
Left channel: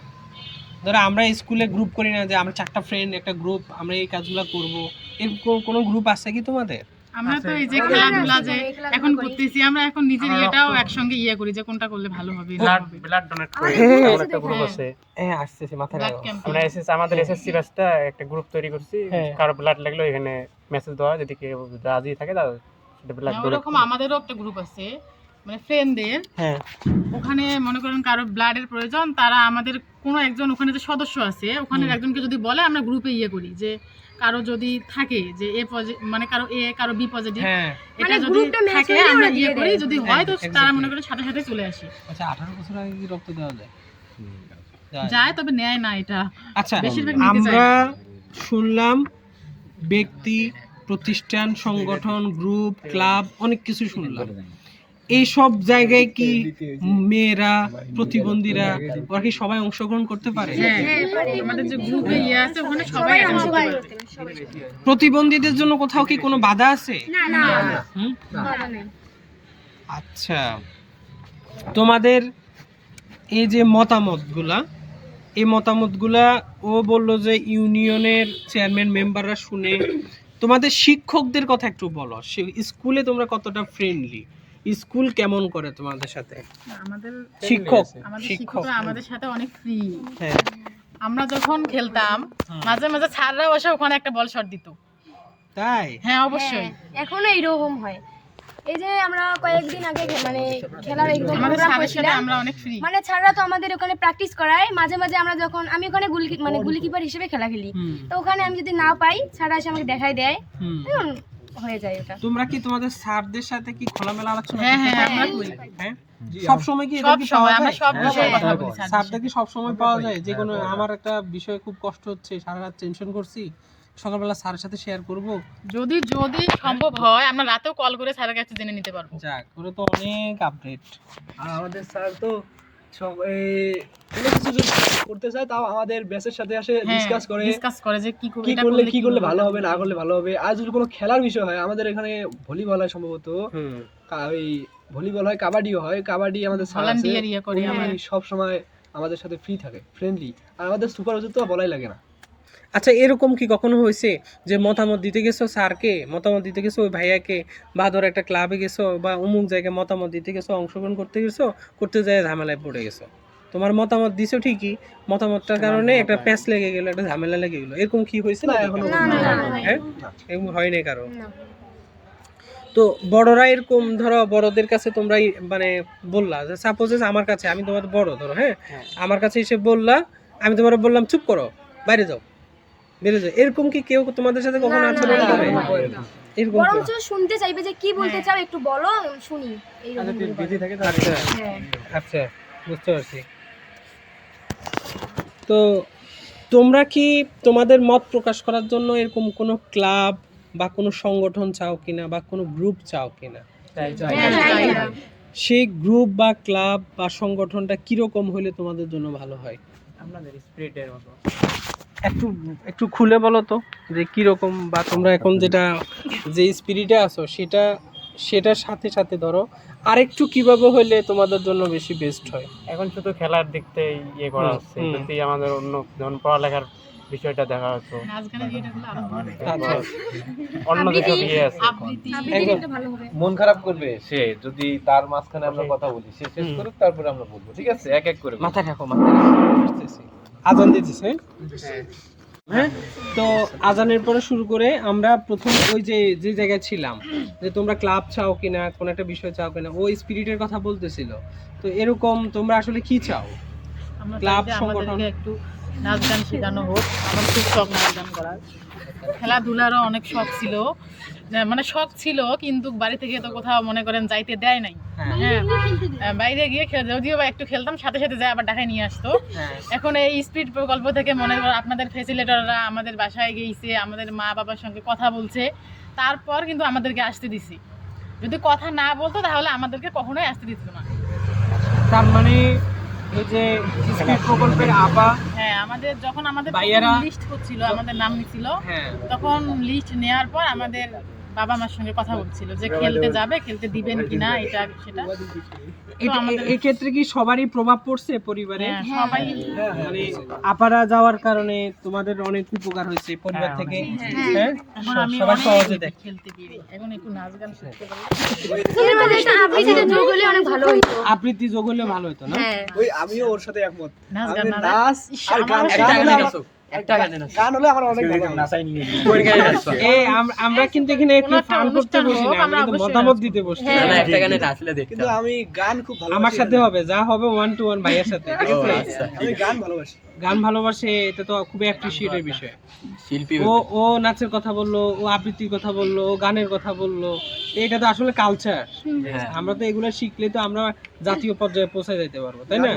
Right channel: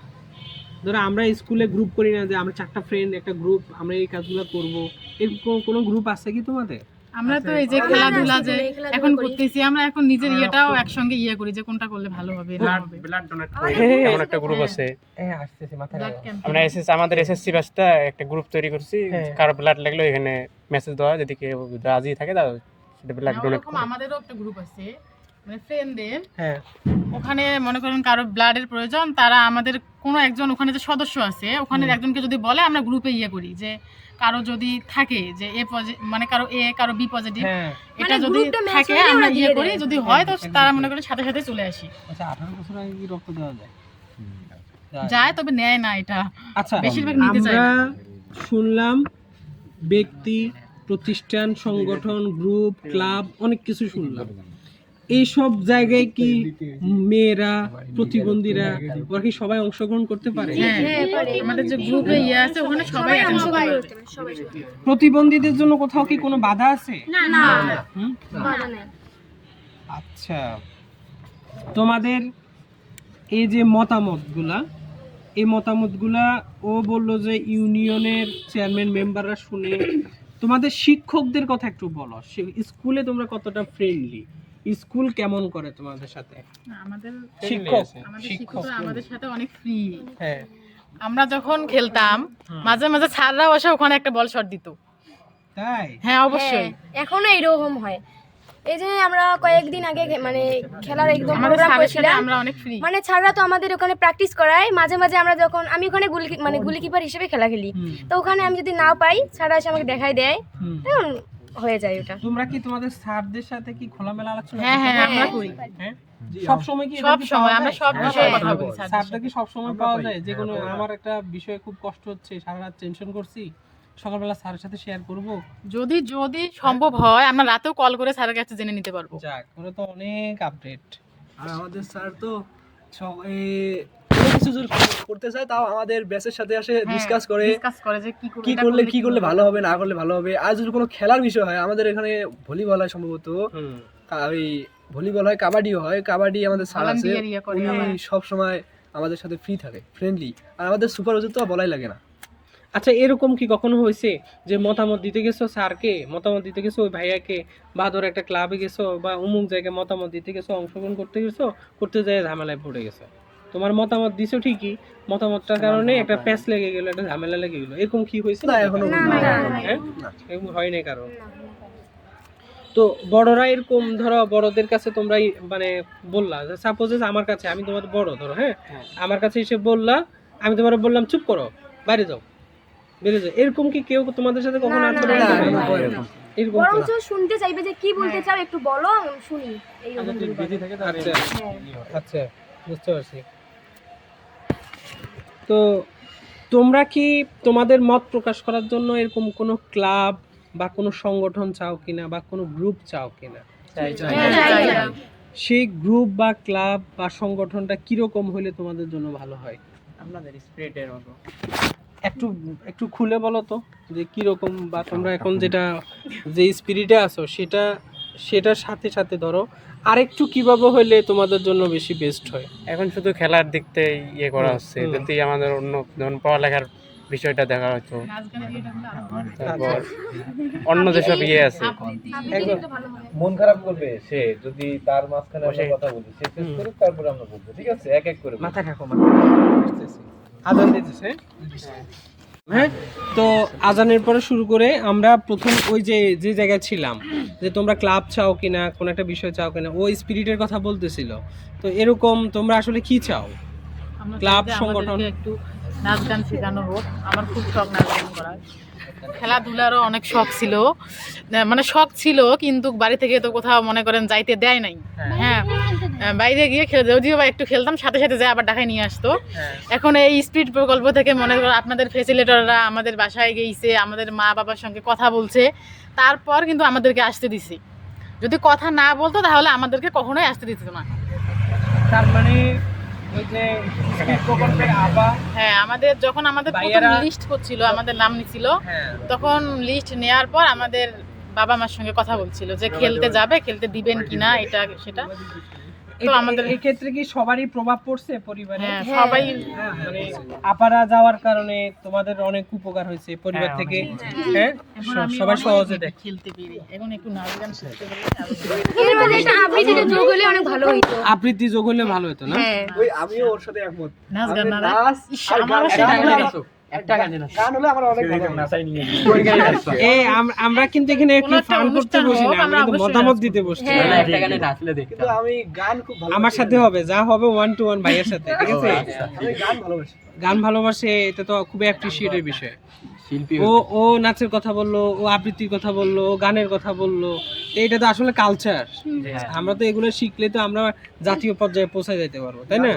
ধরো আমরা স্কুলে গ্রুপ করি না, যে আমরা 4টা ফ্রেন্ড একটা গ্রুপ, আমরা এই কাজগুলো করব, এরকম কোনো গ্রুপ আছে কি তোমাদের? আমরা তো এই যে খেলাধুলা যে এখন করতেছি, আমরা এখন নিজের ইয়েটাও একসঙ্গে ইয়ে করি যে কোনটা করলে ভালো হবে, না হবে। ব্লাড ডোনেট করে এমন একটা গ্রুপ আছে। হ্যাঁ, আসতেছে মাথায়। Blood camp. আমরা আমাদের এসএসসি ব্যাচটা একটা গ্রুপ তৈরি করছি, হ্যাঁ। কারো ব্লাড লাগলে এখানে মেসেজ দেওয়া, যদি কেউ রাজি থাকে তাহলে সেটা ব্লাড ডোনেট ওরকম আমাদেরও একটা গ্রুপ আছে, মানে ফ্রেন্ডদের। হ্যাঁ, ওখানে মনে করেন কারো ব্লাডের প্রয়োজন, তারা আমাদের কোনো একজন ওখানে যে সদস্য আছে, ওখানে একজনকে যদি বলে, আমরা গ্রুপে ইয়ে করি যে কারো যদি থাকে যে এ মানে কারো এ, কারো বি পজিটিভ, হ্যাঁ। এটা যদি থাকে আমরা ইয়ে করি, যদি হয় তো তারা মনে করে সাথে সাথে চলে আসি। আচ্ছা, 18 বছর আগে কি রক্ত দেওয়া যায়? যায়, তবে নেয় না এটা। আচ্ছা, বেশিরভাগ নিতে চায় আমরা না। শুনলাম ব্যক্তি, প্রতিষ্ঠান, সংগঠন, গ্রুপ, ক্লাব, অনেক কিছু শুনলাম। এই সব জায়গায় কি মেয়েরা, প্রতিবন্ধীরা, ওরা কি সবাই অংশগ্রহণ করতে পারে? হ্যাঁ, আমাদের যে গ্রুপে ইয়ে আছে ওখানে সবাই সবাই প্রতিবন্ধীদের জন্য কোথাও কি কোনো বাধা আছে? না না হুম? বাধা নেই। আচ্ছা, তোমাদের এই যে মতামতগুলা, এই মতামতগুলা ও বললো যে ইউনিয়নের চেয়ারম্যান মেম্বাররা শুনে, তোমাদের শিক্ষকদের কথা একটু বলো। স্কুলে তোমরা কতটা ফ্রেন্ডলি, স্কুল কেমন করে তোমাদের সাথে? আমাদের শিক্ষক, আমাদের শিক্ষক, শিক্ষকরা আমাদের সাথে অনেক ফ্রি। হ্যাঁ, আমরা যখন খেলতাম, মাঝে মাঝে স্যাররাও এসে ওখানে একটা বল শট দিত। তাই? হ্যাঁ, অবশ্যই। এখনো এরকম হয়। এই যে আমরা কয়েকদিন আগে মানে খেলার একদম আমাদের প্রোগ্রাম স্যারের সাথে করছিলাম, আমরা অনেক ফ্রি। মানে স্যাররা তো আমাদের ওখানে প্র্যাকটিস করায়, মাঝে মাঝে আমরা যখন আমি ওখানে গুলিকিপার হিসেবে খেলা খেলি, তো ওখানে আমি যদি না পাই স্যাররা এসে আমাকে দেখাই দেয়, তখন হয়ে যায় ওটা। তোমরা কি তোমাদের স্যারদের সাথে কি খোলামেলা আলোচনা হ্যাঁ করতে হ্যাঁ পারো? আমরা করি। হ্যাঁ সব সময় কি সব সময় আমরা সব বিষয়ে কথা বলি স্যার। স্যারদের কি সব সময় পাওয়া যায়? যে কোনো আমার একটা বিষয়ে খুব কষ্ট হচ্ছে, সারা রাত টেনশন করছি, সকালবেলা স্যারের সাথে শেয়ার করব। যদি সম্ভব হয় আমরা রাতেও কল করে স্যারের কাছে জেনে নিতে পারবো। যাক, ওরা তো অনেক আপডেট। আর আমাদের স্যার তো সব কোনো কিছু যদি করতে চায় তাও আমাদের ব্যাচের সাথে আসে ডিসকাস করে যে কি করলে ভালো হবে, না করলে ভালো হবে। আর যদি কোনো খেলার বিষয় হয়, আমাদের এখানে ভলিবল হয় সম্ভবত, ওই ভলিবল হয়, কাবাডিও হয়। কাবাডি আমাদের স্যার আছে, উনি সব সময় আমাদের সাথে ফ্রি থাকে, ফ্রেন্ডলি। আর আমাদের সুপারভাইজার তো বলাই লাগে না। আচ্ছা, এরকম কি কখনো হয়েছে যে মতামত দিতে গেছো স্যারকে, মতামত দিতে গেছো ওই ভাইয়াকে, বা ধরো একটা ক্লাবে গেছো বা অমুক জায়গায় মতামত দিতে গেছো, অংশগ্রহণ করতে গেছো, করতে যায় ঝামেলায় পড়ে গেছো? তোমার মতামত দিছো ঠিকই, মতামতটার কারণে একটা প্যাচ লেগে গেল, একটা ঝামেলা লেগে গেল, এরকম কি হয়েছে? না এখনো এরকম হয়নি কারো। তো বড়রা এরকম ধরো, বড়দের কাছে তোমরা মানে বললা যে সাপোজ আমার কাছে, আমি তোমার বড় ধরো, হ্যাঁ আমার কাছে এসে বললা, আমি তোমার বললাম চুপ করো, বাইরে যাও, বেরো যাও, এরকম কি কেউ তোমাদের সাথে কখনো আচরণ করে? এরকম বরঞ্চ শুনতে চাইবে যে কি বলতে চাও একটু বলো, শুনি, এইরকম করে। আচ্ছা, বুঝতে পারছি। তো তোমরা কি তোমাদের মত প্রকাশ করার জন্য এরকম কোনো ক্লাব বা কোনো সংগঠন চাও কিনা, বা কোনো গ্রুপ চাও কিনা? সেই গ্রুপ বা ক্লাব বা সংগঠনটা কিরকম হলে তোমাদের জন্য ভালো হয়? আপনাদের স্পিরিটের মতো একটু খুলে বলো তো যে কিরকম, বা তোমরা এখন যে স্পিরিটে আছো সেটার সাথে সাথে ধরো আরেকটু কিভাবে হলে তোমাদের জন্য বেশি বেস্ট হয়? এখন শুধু খেলার দিক থেকে ইয়ে করা হচ্ছে, যদি আমাদের অন্য যেমন পড়ালেখার বিষয়টা দেখা হতো, আচ্ছা, অন্য যেসব ইয়ে আছে। মন খারাপ করবে সে যদি তার মাঝখানে আমরা কথা বলি, সে শেষ করুক তারপরে আমরা বলবো, ঠিক আছে? এক এক করে মাথা রাখো, আসতেছি, আজান দিতেছে। হ্যাঁ, তো আজানের পরে শুরু করে আমরা প্রথম ওই যে জায়গায় ছিলাম, যে তোমরা ক্লাব চাও কিনা, কোন একটা বিষয় চাও কিনা, ওই স্পিরিটের কথা বলতেছিল। তো এরকম তোমরা আসলে কি চাও? আমরা ক্লাব চাই যে আমাদেরকে একটু নাচ গান শেখানো হোক। আমার খুব শখ নাচ গান করার, খেলাধুলারও অনেক শখ ছিল, মানে শখ ছিল, কিন্তু বাড়ি থেকে তো কোথাও মনে করেন যাইতে দেয় নাই। হ্যাঁ, বাইরে গিয়ে যদিও বা একটু খেলতাম, সাথে সাথে যায় আবার ঢাকায় নিয়ে আসতো। এখন এই স্পিরিট প্রকল্প থেকে মনে করো আপনাদের ফ্যাসিলিটাররা আমাদের বাসায় গিয়েছে, আমাদের মা বাবার সঙ্গে কথা বলছে, তারপর কিন্তু আমাদেরকে আসতে দিছি। যদি কথা না বলতো তাহলে আমাদেরকে কখনোই আসতে দিত না। তার মানে ওই যে স্পিরিট প্রকল্পের হ্যাঁ, আমাদের যখন আমাদের লিস্ট করছিল, আমাদের নাম নিছিল, তখন লিস্ট নেওয়ার পর আমাদের বাবা মার সঙ্গে কথা বলছিল যে খেলতে যাবে, খেলতে দিবেন কিনা, এটা সেটা। তো আমাদের এই ক্ষেত্রে কি সবারই প্রভাব পড়ছে পরিবারে? সবাই মানে আপারা যাওয়ার কারণে তোমাদের অনেক উপকার হয়েছে পরিবার থেকে। হ্যাঁ, সবাই সহজে দেখ খেলতে পেরে এখন একটু নাচ গান শিখতে পারি। এর মধ্যে একটা আবৃত্তিতে যোগ হলে অনেক ভালো হতো। আবৃত্তি যোগ হলে ভালো হতো না? ওই আমিও ওর সাথে একমত। নাচ গান না, আমারও সেটা গান হলে আমার অনেক ভালো নাচাই নিয়ে আমরা কিন্তু এখানে একটু ফান করতে বসি না, আমরা কিন্তু মতামত দিতে বসছি। একটা গানে নাচলে দেখতে, কিন্তু আমি গান খুব ভালো, আমার সাথে হবে, যা হবে 1 to 1 ভাইয়ের সাথে, ঠিক আছে? আমি গান ভালোবাসে, এটা তো খুবই অ্যাপ্রিশিয়েটের বিষয়। শিল্পী ও নাচের কথা বললো, ও আবৃত্তির কথা বললো, ও গানের কথা বললো, এটা তো আসলে কালচার। আমরা তো এগুলো শিখলে তো আমরা জাতীয় পর্যায়ে পৌঁছে যেতে পারবো, তাই না?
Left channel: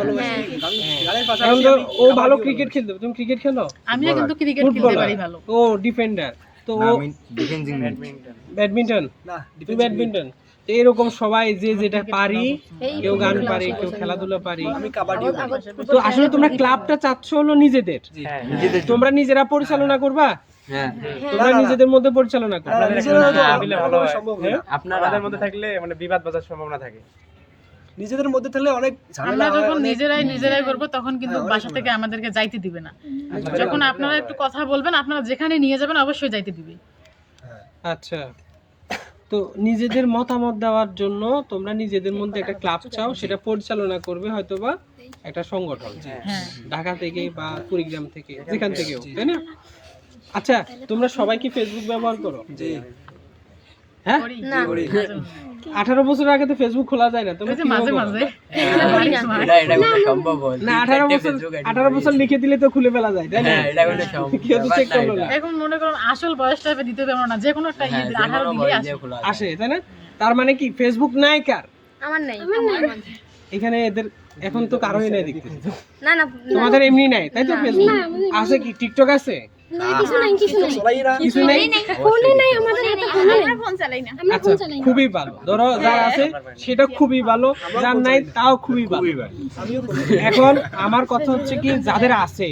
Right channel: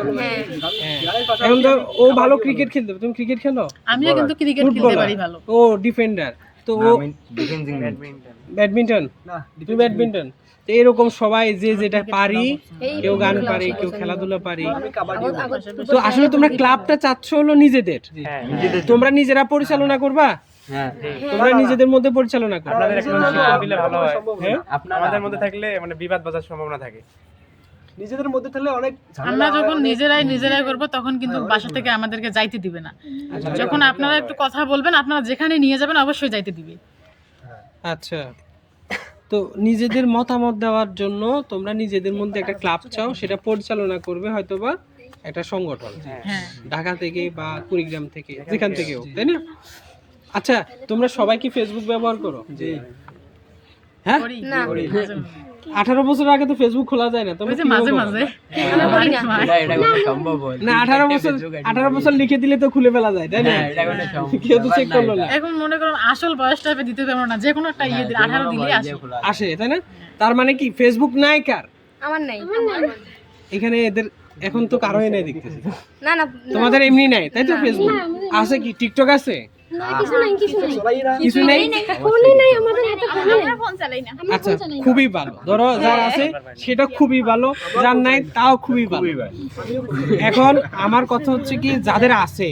এখন তো ও ভালো ক্রিকেট খেলতে, তুমি ক্রিকেট খেলো? আমিও কিন্তু ক্রিকেট খেলতে পারি ভালো। ও ডিফেন্ডার, তো ও ব্যাডমিন্টন, তুমি ব্যাডমিন্টন। তো এরকম সবাই যে যেটা পারি, কেউ গান পারি, কেউ খেলাধুলা পারি। তো আসলে তোমরা ক্লাবটা চাচ্ছ হলো নিজেদের, তোমরা নিজেরা পরিচালনা করবা, তোমরা নিজেদের মধ্যে পরিচালনা করবা। ভালো হয়, আপনাদের মধ্যে থাকলে মানে বিবাদ বাজার সম্ভাবনা থাকে। নিজেদের মধ্যে থাকলে অনেক আমরা যখন নিজেরাই করব তখন কিন্তু বাসা থেকে আমাদেরকে যাইতে দিবে না। যখন আপনারা একটু কথা বলবেন, আপনারা যেখানে নিয়ে যাবেন অবশ্যই যাইতে দিবে। আচ্ছা, তো নিজেদের মতামত দেওয়ার জন্য তোমরা নিজেদের মধ্যে একটা ক্লাব চাও, সেটা পরিচালনা করবে হয়তোবা একটা সংগঠন, ঢাকা থেকে বা কুড়িগ্রাম থেকে, যেখান থেকেও, তাই না? আচ্ছা, তোমরা সবাই কি ফেসবুক ব্যবহার করো? জি। হ্যাঁ, 18 বছর আগে তো ফেসবুক খোলা যায় না, তুমি ওই যে মাঝে মাঝে আমরা করি না। এটা কোনো সম্ভব হয় না 18 বছর লিখে দিলে তো খুলে ফেলা যায়, তাই না? এটা কোনো সম্ভব কেউ তো চেক করলো না। এখন মনে করুন আসল বয়স টাইপে দিতে পারবো না, যে কোনো একটা ইয়ে দিলে 18 দিলে আসে। আসে, তাই না? তার মানে কি ফেসবুক নাই কার আমার নাই। এখানে? এদের এখন তো কারোই নাই দেখতেছি। না না তোমাদের এমনি নাই, তাই তো? ফেসবুক আছে কি? টিকটক আছে? না, কিছু নাই কিছু নেই? ফোনই নাই আমাদের, হাতে ফোন নাই। আমরা ফোন চালাই না। আমরা আচ্ছা, ফোন চালাই না। খুবই ভালো। ধরো যার আছে সেটা খুবই ভালো, যার নাই তাও খুবই ভালো। এখন আমার কথা হচ্ছে কি, যাদের আছে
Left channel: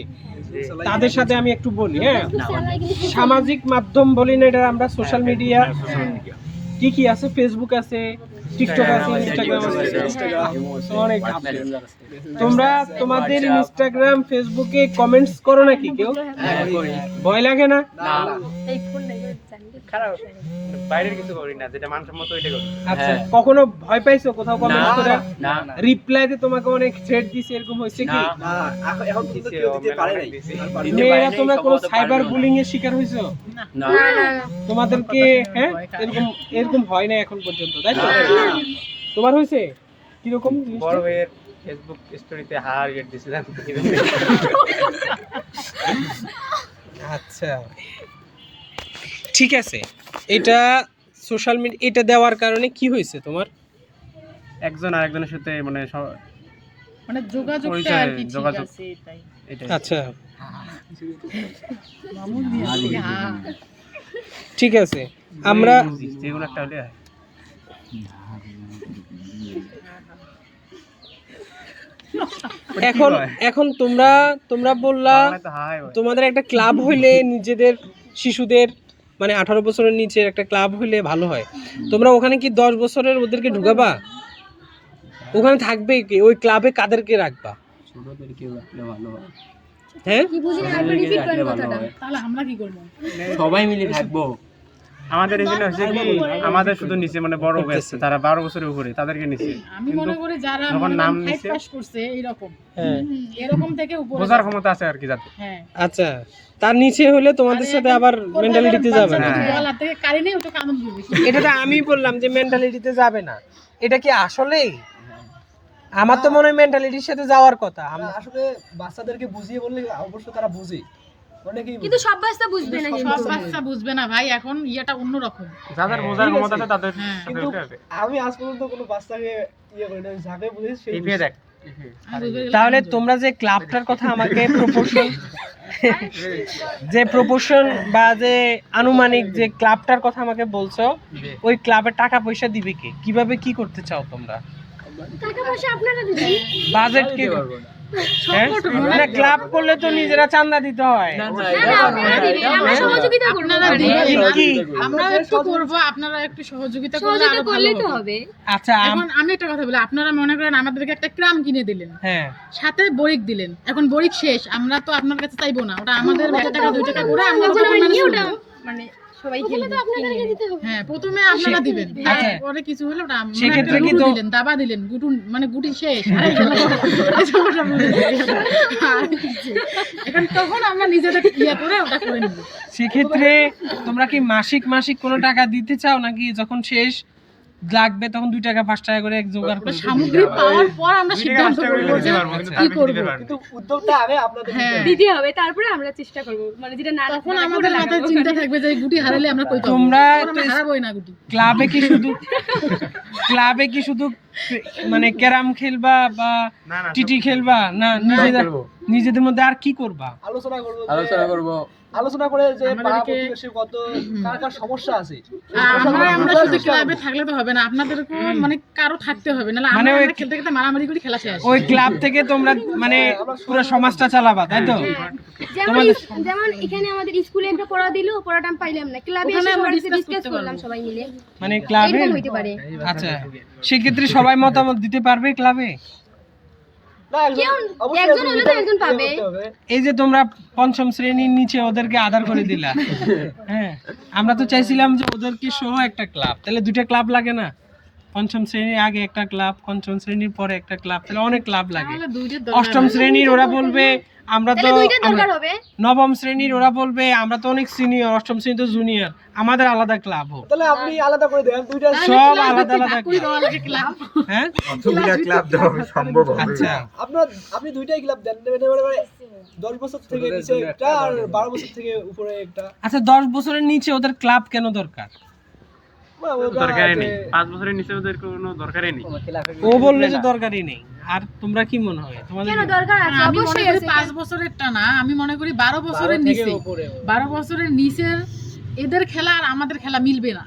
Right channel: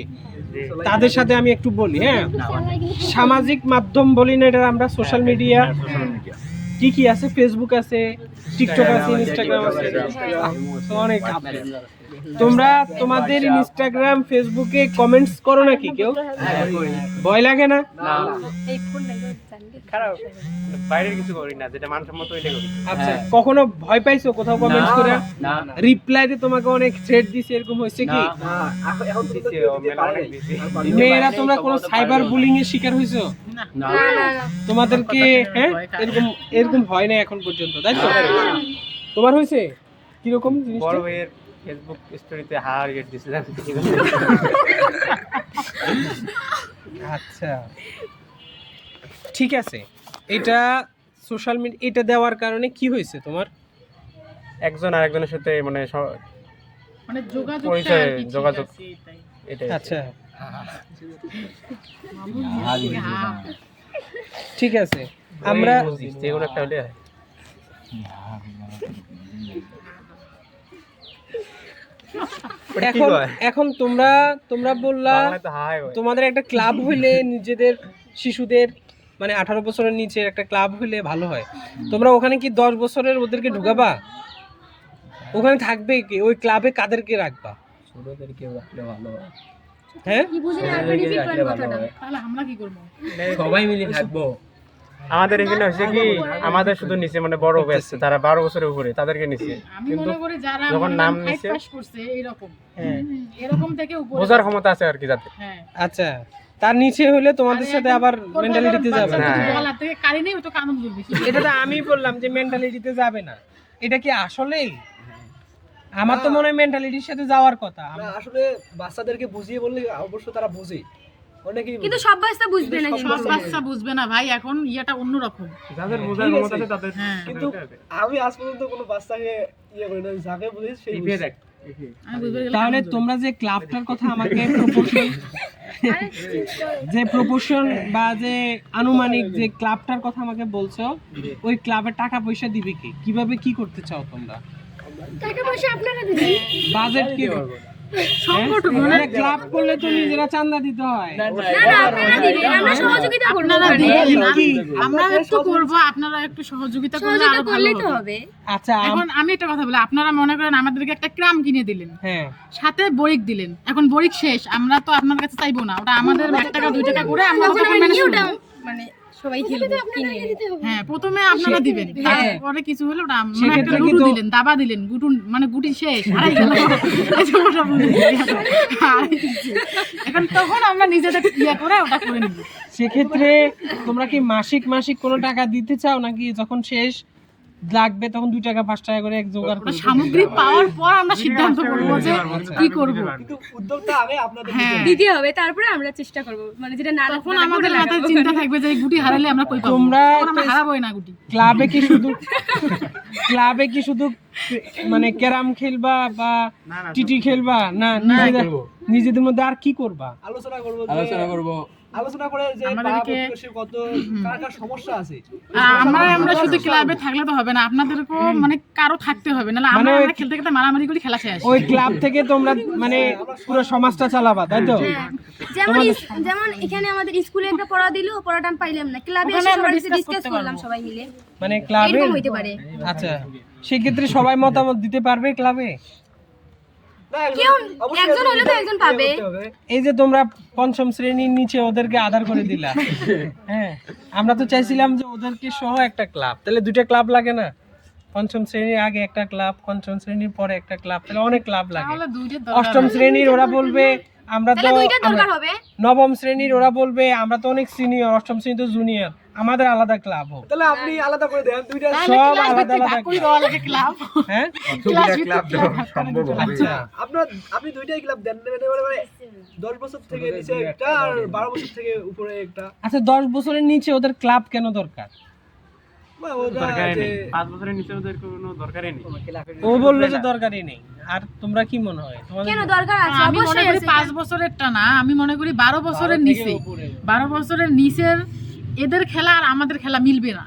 তাদের সাথে আমি একটু বলি, হ্যাঁ, সামাজিক মাধ্যম বলি না, এটা আমরা সোশ্যাল মিডিয়া কি কি আছে? ফেসবুক আছে, টিকটক আছে, ইনস্টাগ্রাম আছে, অনেক আছে। তোমরা তোমাদের ইনস্টাগ্রাম ফেসবুকে কমেন্টস করো নাকি কেউ? ভয় লাগে না? এই ফোন নাই জানলি। বাইরের কিছু করি না, যেটা মানসম্মত ওইটা করি। আচ্ছা, কখনো ভয় পাইছো কোথাও কমেন্টস করে? না রিপ্লাই দিয়ে তোমাকে অনেক থ্রেট দিছে, এরকম হয়েছে কি? দিছে, মেয়েরা তোমরা কোনো সাইবার বুলিং এর শিকার হইছো? না না না না। তোমাদেরকে হ্যাঁ এরকম এরকম হয় না এখন পর্যন্ত, তাই তো? তোমার হয়েছে কিরকম জিনিসটা? বড় ভাইয়ের ফেসবুক স্টোরিতে হার গেট দিছে, জানতে কি? আচ্ছা, ঠিক আছে। এটা সোশ্যাল মিডিয়া, এটা দেওয়ার কারণে কি হয়েছে তোমার? একজন আরেকজনের সাথে মানে মানে যোগাযোগটা পরিচয়, আর কি ঠিক যোগাযোগ। আছে, এটাই। এটাই। আচ্ছা, হ্যাঁ। ঠিক আছে। আমরা বুঝি, যে কোনো একটা হলে হয়। এখন এখন তোমরা তোমরা বললা আমার তো হাই হয়। তোমাদের একটা ক্লাব হইলে নিজেদের শিশুদের মানে 18 বছরের নিচে একটা ক্লাব হইলে ভালো হয়। তোমরা ওখানে কি 10 বছরের ওদেরকে ঢুকাবা? ওখানে থাকবে কি? ওই ক্লাবে কাদেরকে রাখবা? ছোটদেরকে রাখলে ভালো হয়। হ্যাঁ, কি বুঝলেন? আপনি ছোটদেরকে repeat রাখলে করেন ভালো কথাটা। হয়। তাহলে আমরা কি করবো? সবাই মিলে থাকবো। আমাদের এখানে হচ্ছে কি, আমাদের শুধু নিচে মানে বড় ব্যাচ, তারা 12 বছরের উপরে, তাদেরকে নিচে। আমি মনে করি যারা যখন মনে নাম করেন নিছে, 5 পাস করছে এইরকম, হ্যাঁ, এরকম থেকে উপরে বোঝার ক্ষমতা আছে আর কি যাতে। হ্যাঁ। আচ্ছা। তার নিচে হলে তোমাদের সাথে আবার মেন্টালিটিতে যাবে না। বলা থেকে কারি নেই, ওটা কানন করবে। এটা তো আমি বললাম যে মেন্টালিটিতে যাবে না। এটা কি আসলেই? আমার তো মনে হয় মেন্টালিটির সাথে যাওয়ার কথা। আসলে বাচ্চাদেরকে বুঝিয়ে বললে অবশ্য তারা বুঝে, অনেকেই কিন্তু সব বাচ্চা বুঝবে না। সব বাচ্চা বুঝবে না ভাই, এখন ইয়েটা অন্যরকম। যাদের বোঝার ক্ষমতা আছে তাদের হ্যাঁ। কিন্তু আমি আজ পর্যন্ত কোনো বাচ্চাকে ইয়ে করি না, যাকে বুঝেছি সেই ইপিএ দেখ। তাহলে তোমরা যে ক্লাবটার কথা আমাকে প্রপোর্শন যে প্রপোর্শন বা যে আনুমানিক যে ক্লাবটার কথা আমাকে বলছো, ওই ক্লাবের টাকা পয়সা দিবে কে? কিভাবে কি করতে চাও তোমরা? টাকা পয়সা আপনারা দিবেন। বাজেট কি? হ্যাঁ? না, ক্লাব করলে তো নিজেরা চাঁদা দিতে হয়। আমরা সহযোগিতা করব। আপনারা দিবেন কি? আমরা একটু করবো, আপনারা একটু সহযোগিতা করলে সহযোগিতা আরো ভালো করলেই তো হবে। হবে। আচ্ছা, এখন আমি একটা কথা বলি, আপনারা মনে করেন আমাদেরকে একটা ক্রাম কিনে দিলেন, হ্যাঁ, সাথে বরিক দিলেন, এখন বরিক শেষ, আমরা তো আপনার কাছে চাইবো না, ওটা আমাদের 1 টাকা 2 টাকা করে আমরা ওটা ম্যানেজ করব। মানে সবাই খেলবে। আপনাদেরকে দিতে হবে। হ্যাঁ, প্রথমে আপনারা দিবেন, পরে কিছু হলে ওটা মানে সেক্ষেত্রে একটা কিন্তু- লুডু দিলেন, দাবা দিলেন, গুটু মানে গুটি শেষ, হারাই গেল। ওটা বুঝে যাই। আর কিছু। এখন তখন আমরা নিজেদের ইয়ে করে ওটা করে নিব। সেক্ষেত্রে তোমরা কি মাসিক মাসিক কোনো টাকা দিতে চাও, নাকি যখন শেষ লাগবে তখন 2 টাকা 5 টাকা করে এক জোগাড় ওটা করবে? সামগ্রী পাওয়ার পর আমরা সিদ্ধান্ত করবো যে কি করব। কিন্তু উদ্যোগটা আগে আপনাদের হ্যাঁ, দিতে হবে, তারপরে আমরা চেষ্টা করব। মানে যেটা না তখন আমাদের মাথায় চিন্তা থাকবে যে এই গুটি হারালে আমরা কই পাবো। তোমরা তখন আমরা তো- হারাবোই না গুটি। ক্লাবে কি শুধু মানে ক্যারাম খেলবা বা টিটি খেলবা, না নিজেদের মধ্যে আর কি করবা? আলোচনা করবো, আলোচনা করব। আলোচনা করে যে পাড়া আমাদেরকে- প্রতিবেশীর কত কার কার সমস্যা আছে। আমরা শুধু ক্লাবে থাকলে তো হবে না, আপনাদেরকেও মানে কারো থাকতে হবে, নাহলে মানে আমরা ওই- খেলতে খেলতে মারামারি করে খেলা শেষ। ওই ক্লাব থেকে তোমরা মানে পুরো সমাজটা চালাবা, তাই তো? যেমন এখানে আমাদের স্কুলে একটা পড়া দিল, পড়াটা আমি পাইলাম না, ক্লাবে ওখানে এসে আমরা সবার discuss ডিসকাস করতে করলাম পারবো। সবাই মিলে। মানে ক্লাবে এরকম হইতে পারে। আচ্ছা, সেক্ষেত্রে সবাই মতামত দিতে পারবে ক্লাবে? না, কেউ অবশ্যই একজন হলে তো একজন পাবে। করতে হবে। এই যে তোমরা 5ম শ্রেণীর নিচে ওদেরকে আধার করে দিলা, হ্যাঁ, আমরা তো চাইছিলাম যে ওদেরকে সহ একটা ক্লাব, তাহলে 2টা ক্লাব লাগে না? 5ম শ্রেণীর আগে একটা ক্লাব, 5ম শ্রেণীর পরে একটা ক্লাব, তাহলে অনেক ক্লাব লাগে। তাহলে দুইটার দরকার 8ম শ্রেণীর ওরা বলবে আমরা তো তাহলে দুইটা দরকার আমরা- হবে। নবম শ্রেণীর ওরা বলবে আমরা তো অনেক সিনিয়র, অষ্টম শ্রেণী তো জুনিয়র, আমাদের আলাদা ক্লাব হোক। তাহলে আপনি আলাদা করে দেন দুইটা। সব আলাদা আলাদা ক্লাব হ্যাঁ ক্লাব দেওয়া সম্ভব হবে আচ্ছা আপনি দুইটাই ক্লাব দেন, মানে 10 বছর থেকে নিচে একটা আর 12 বছর থেকে উপরে একটা। আচ্ছা 10 বছরের নিচে ওদের ক্লাব কেন দরকার? মানে ওরা দরকারই নেই, যে- 5 বছরের নিচে ওদের কোনো দরকারই নেই। ও বললো যে দরকারই নেই। আর তোমরা কি মনে হয় তোমাদের? কেন দরকার আছে? আমি মনে অবশ্যই করি আছে। 5 বছরেরটা না, আমি মনে করি 12 বছরের নিচে, 12 বছরের নিচের এদের খেলা আর আমাদের খেলা মিলবে না।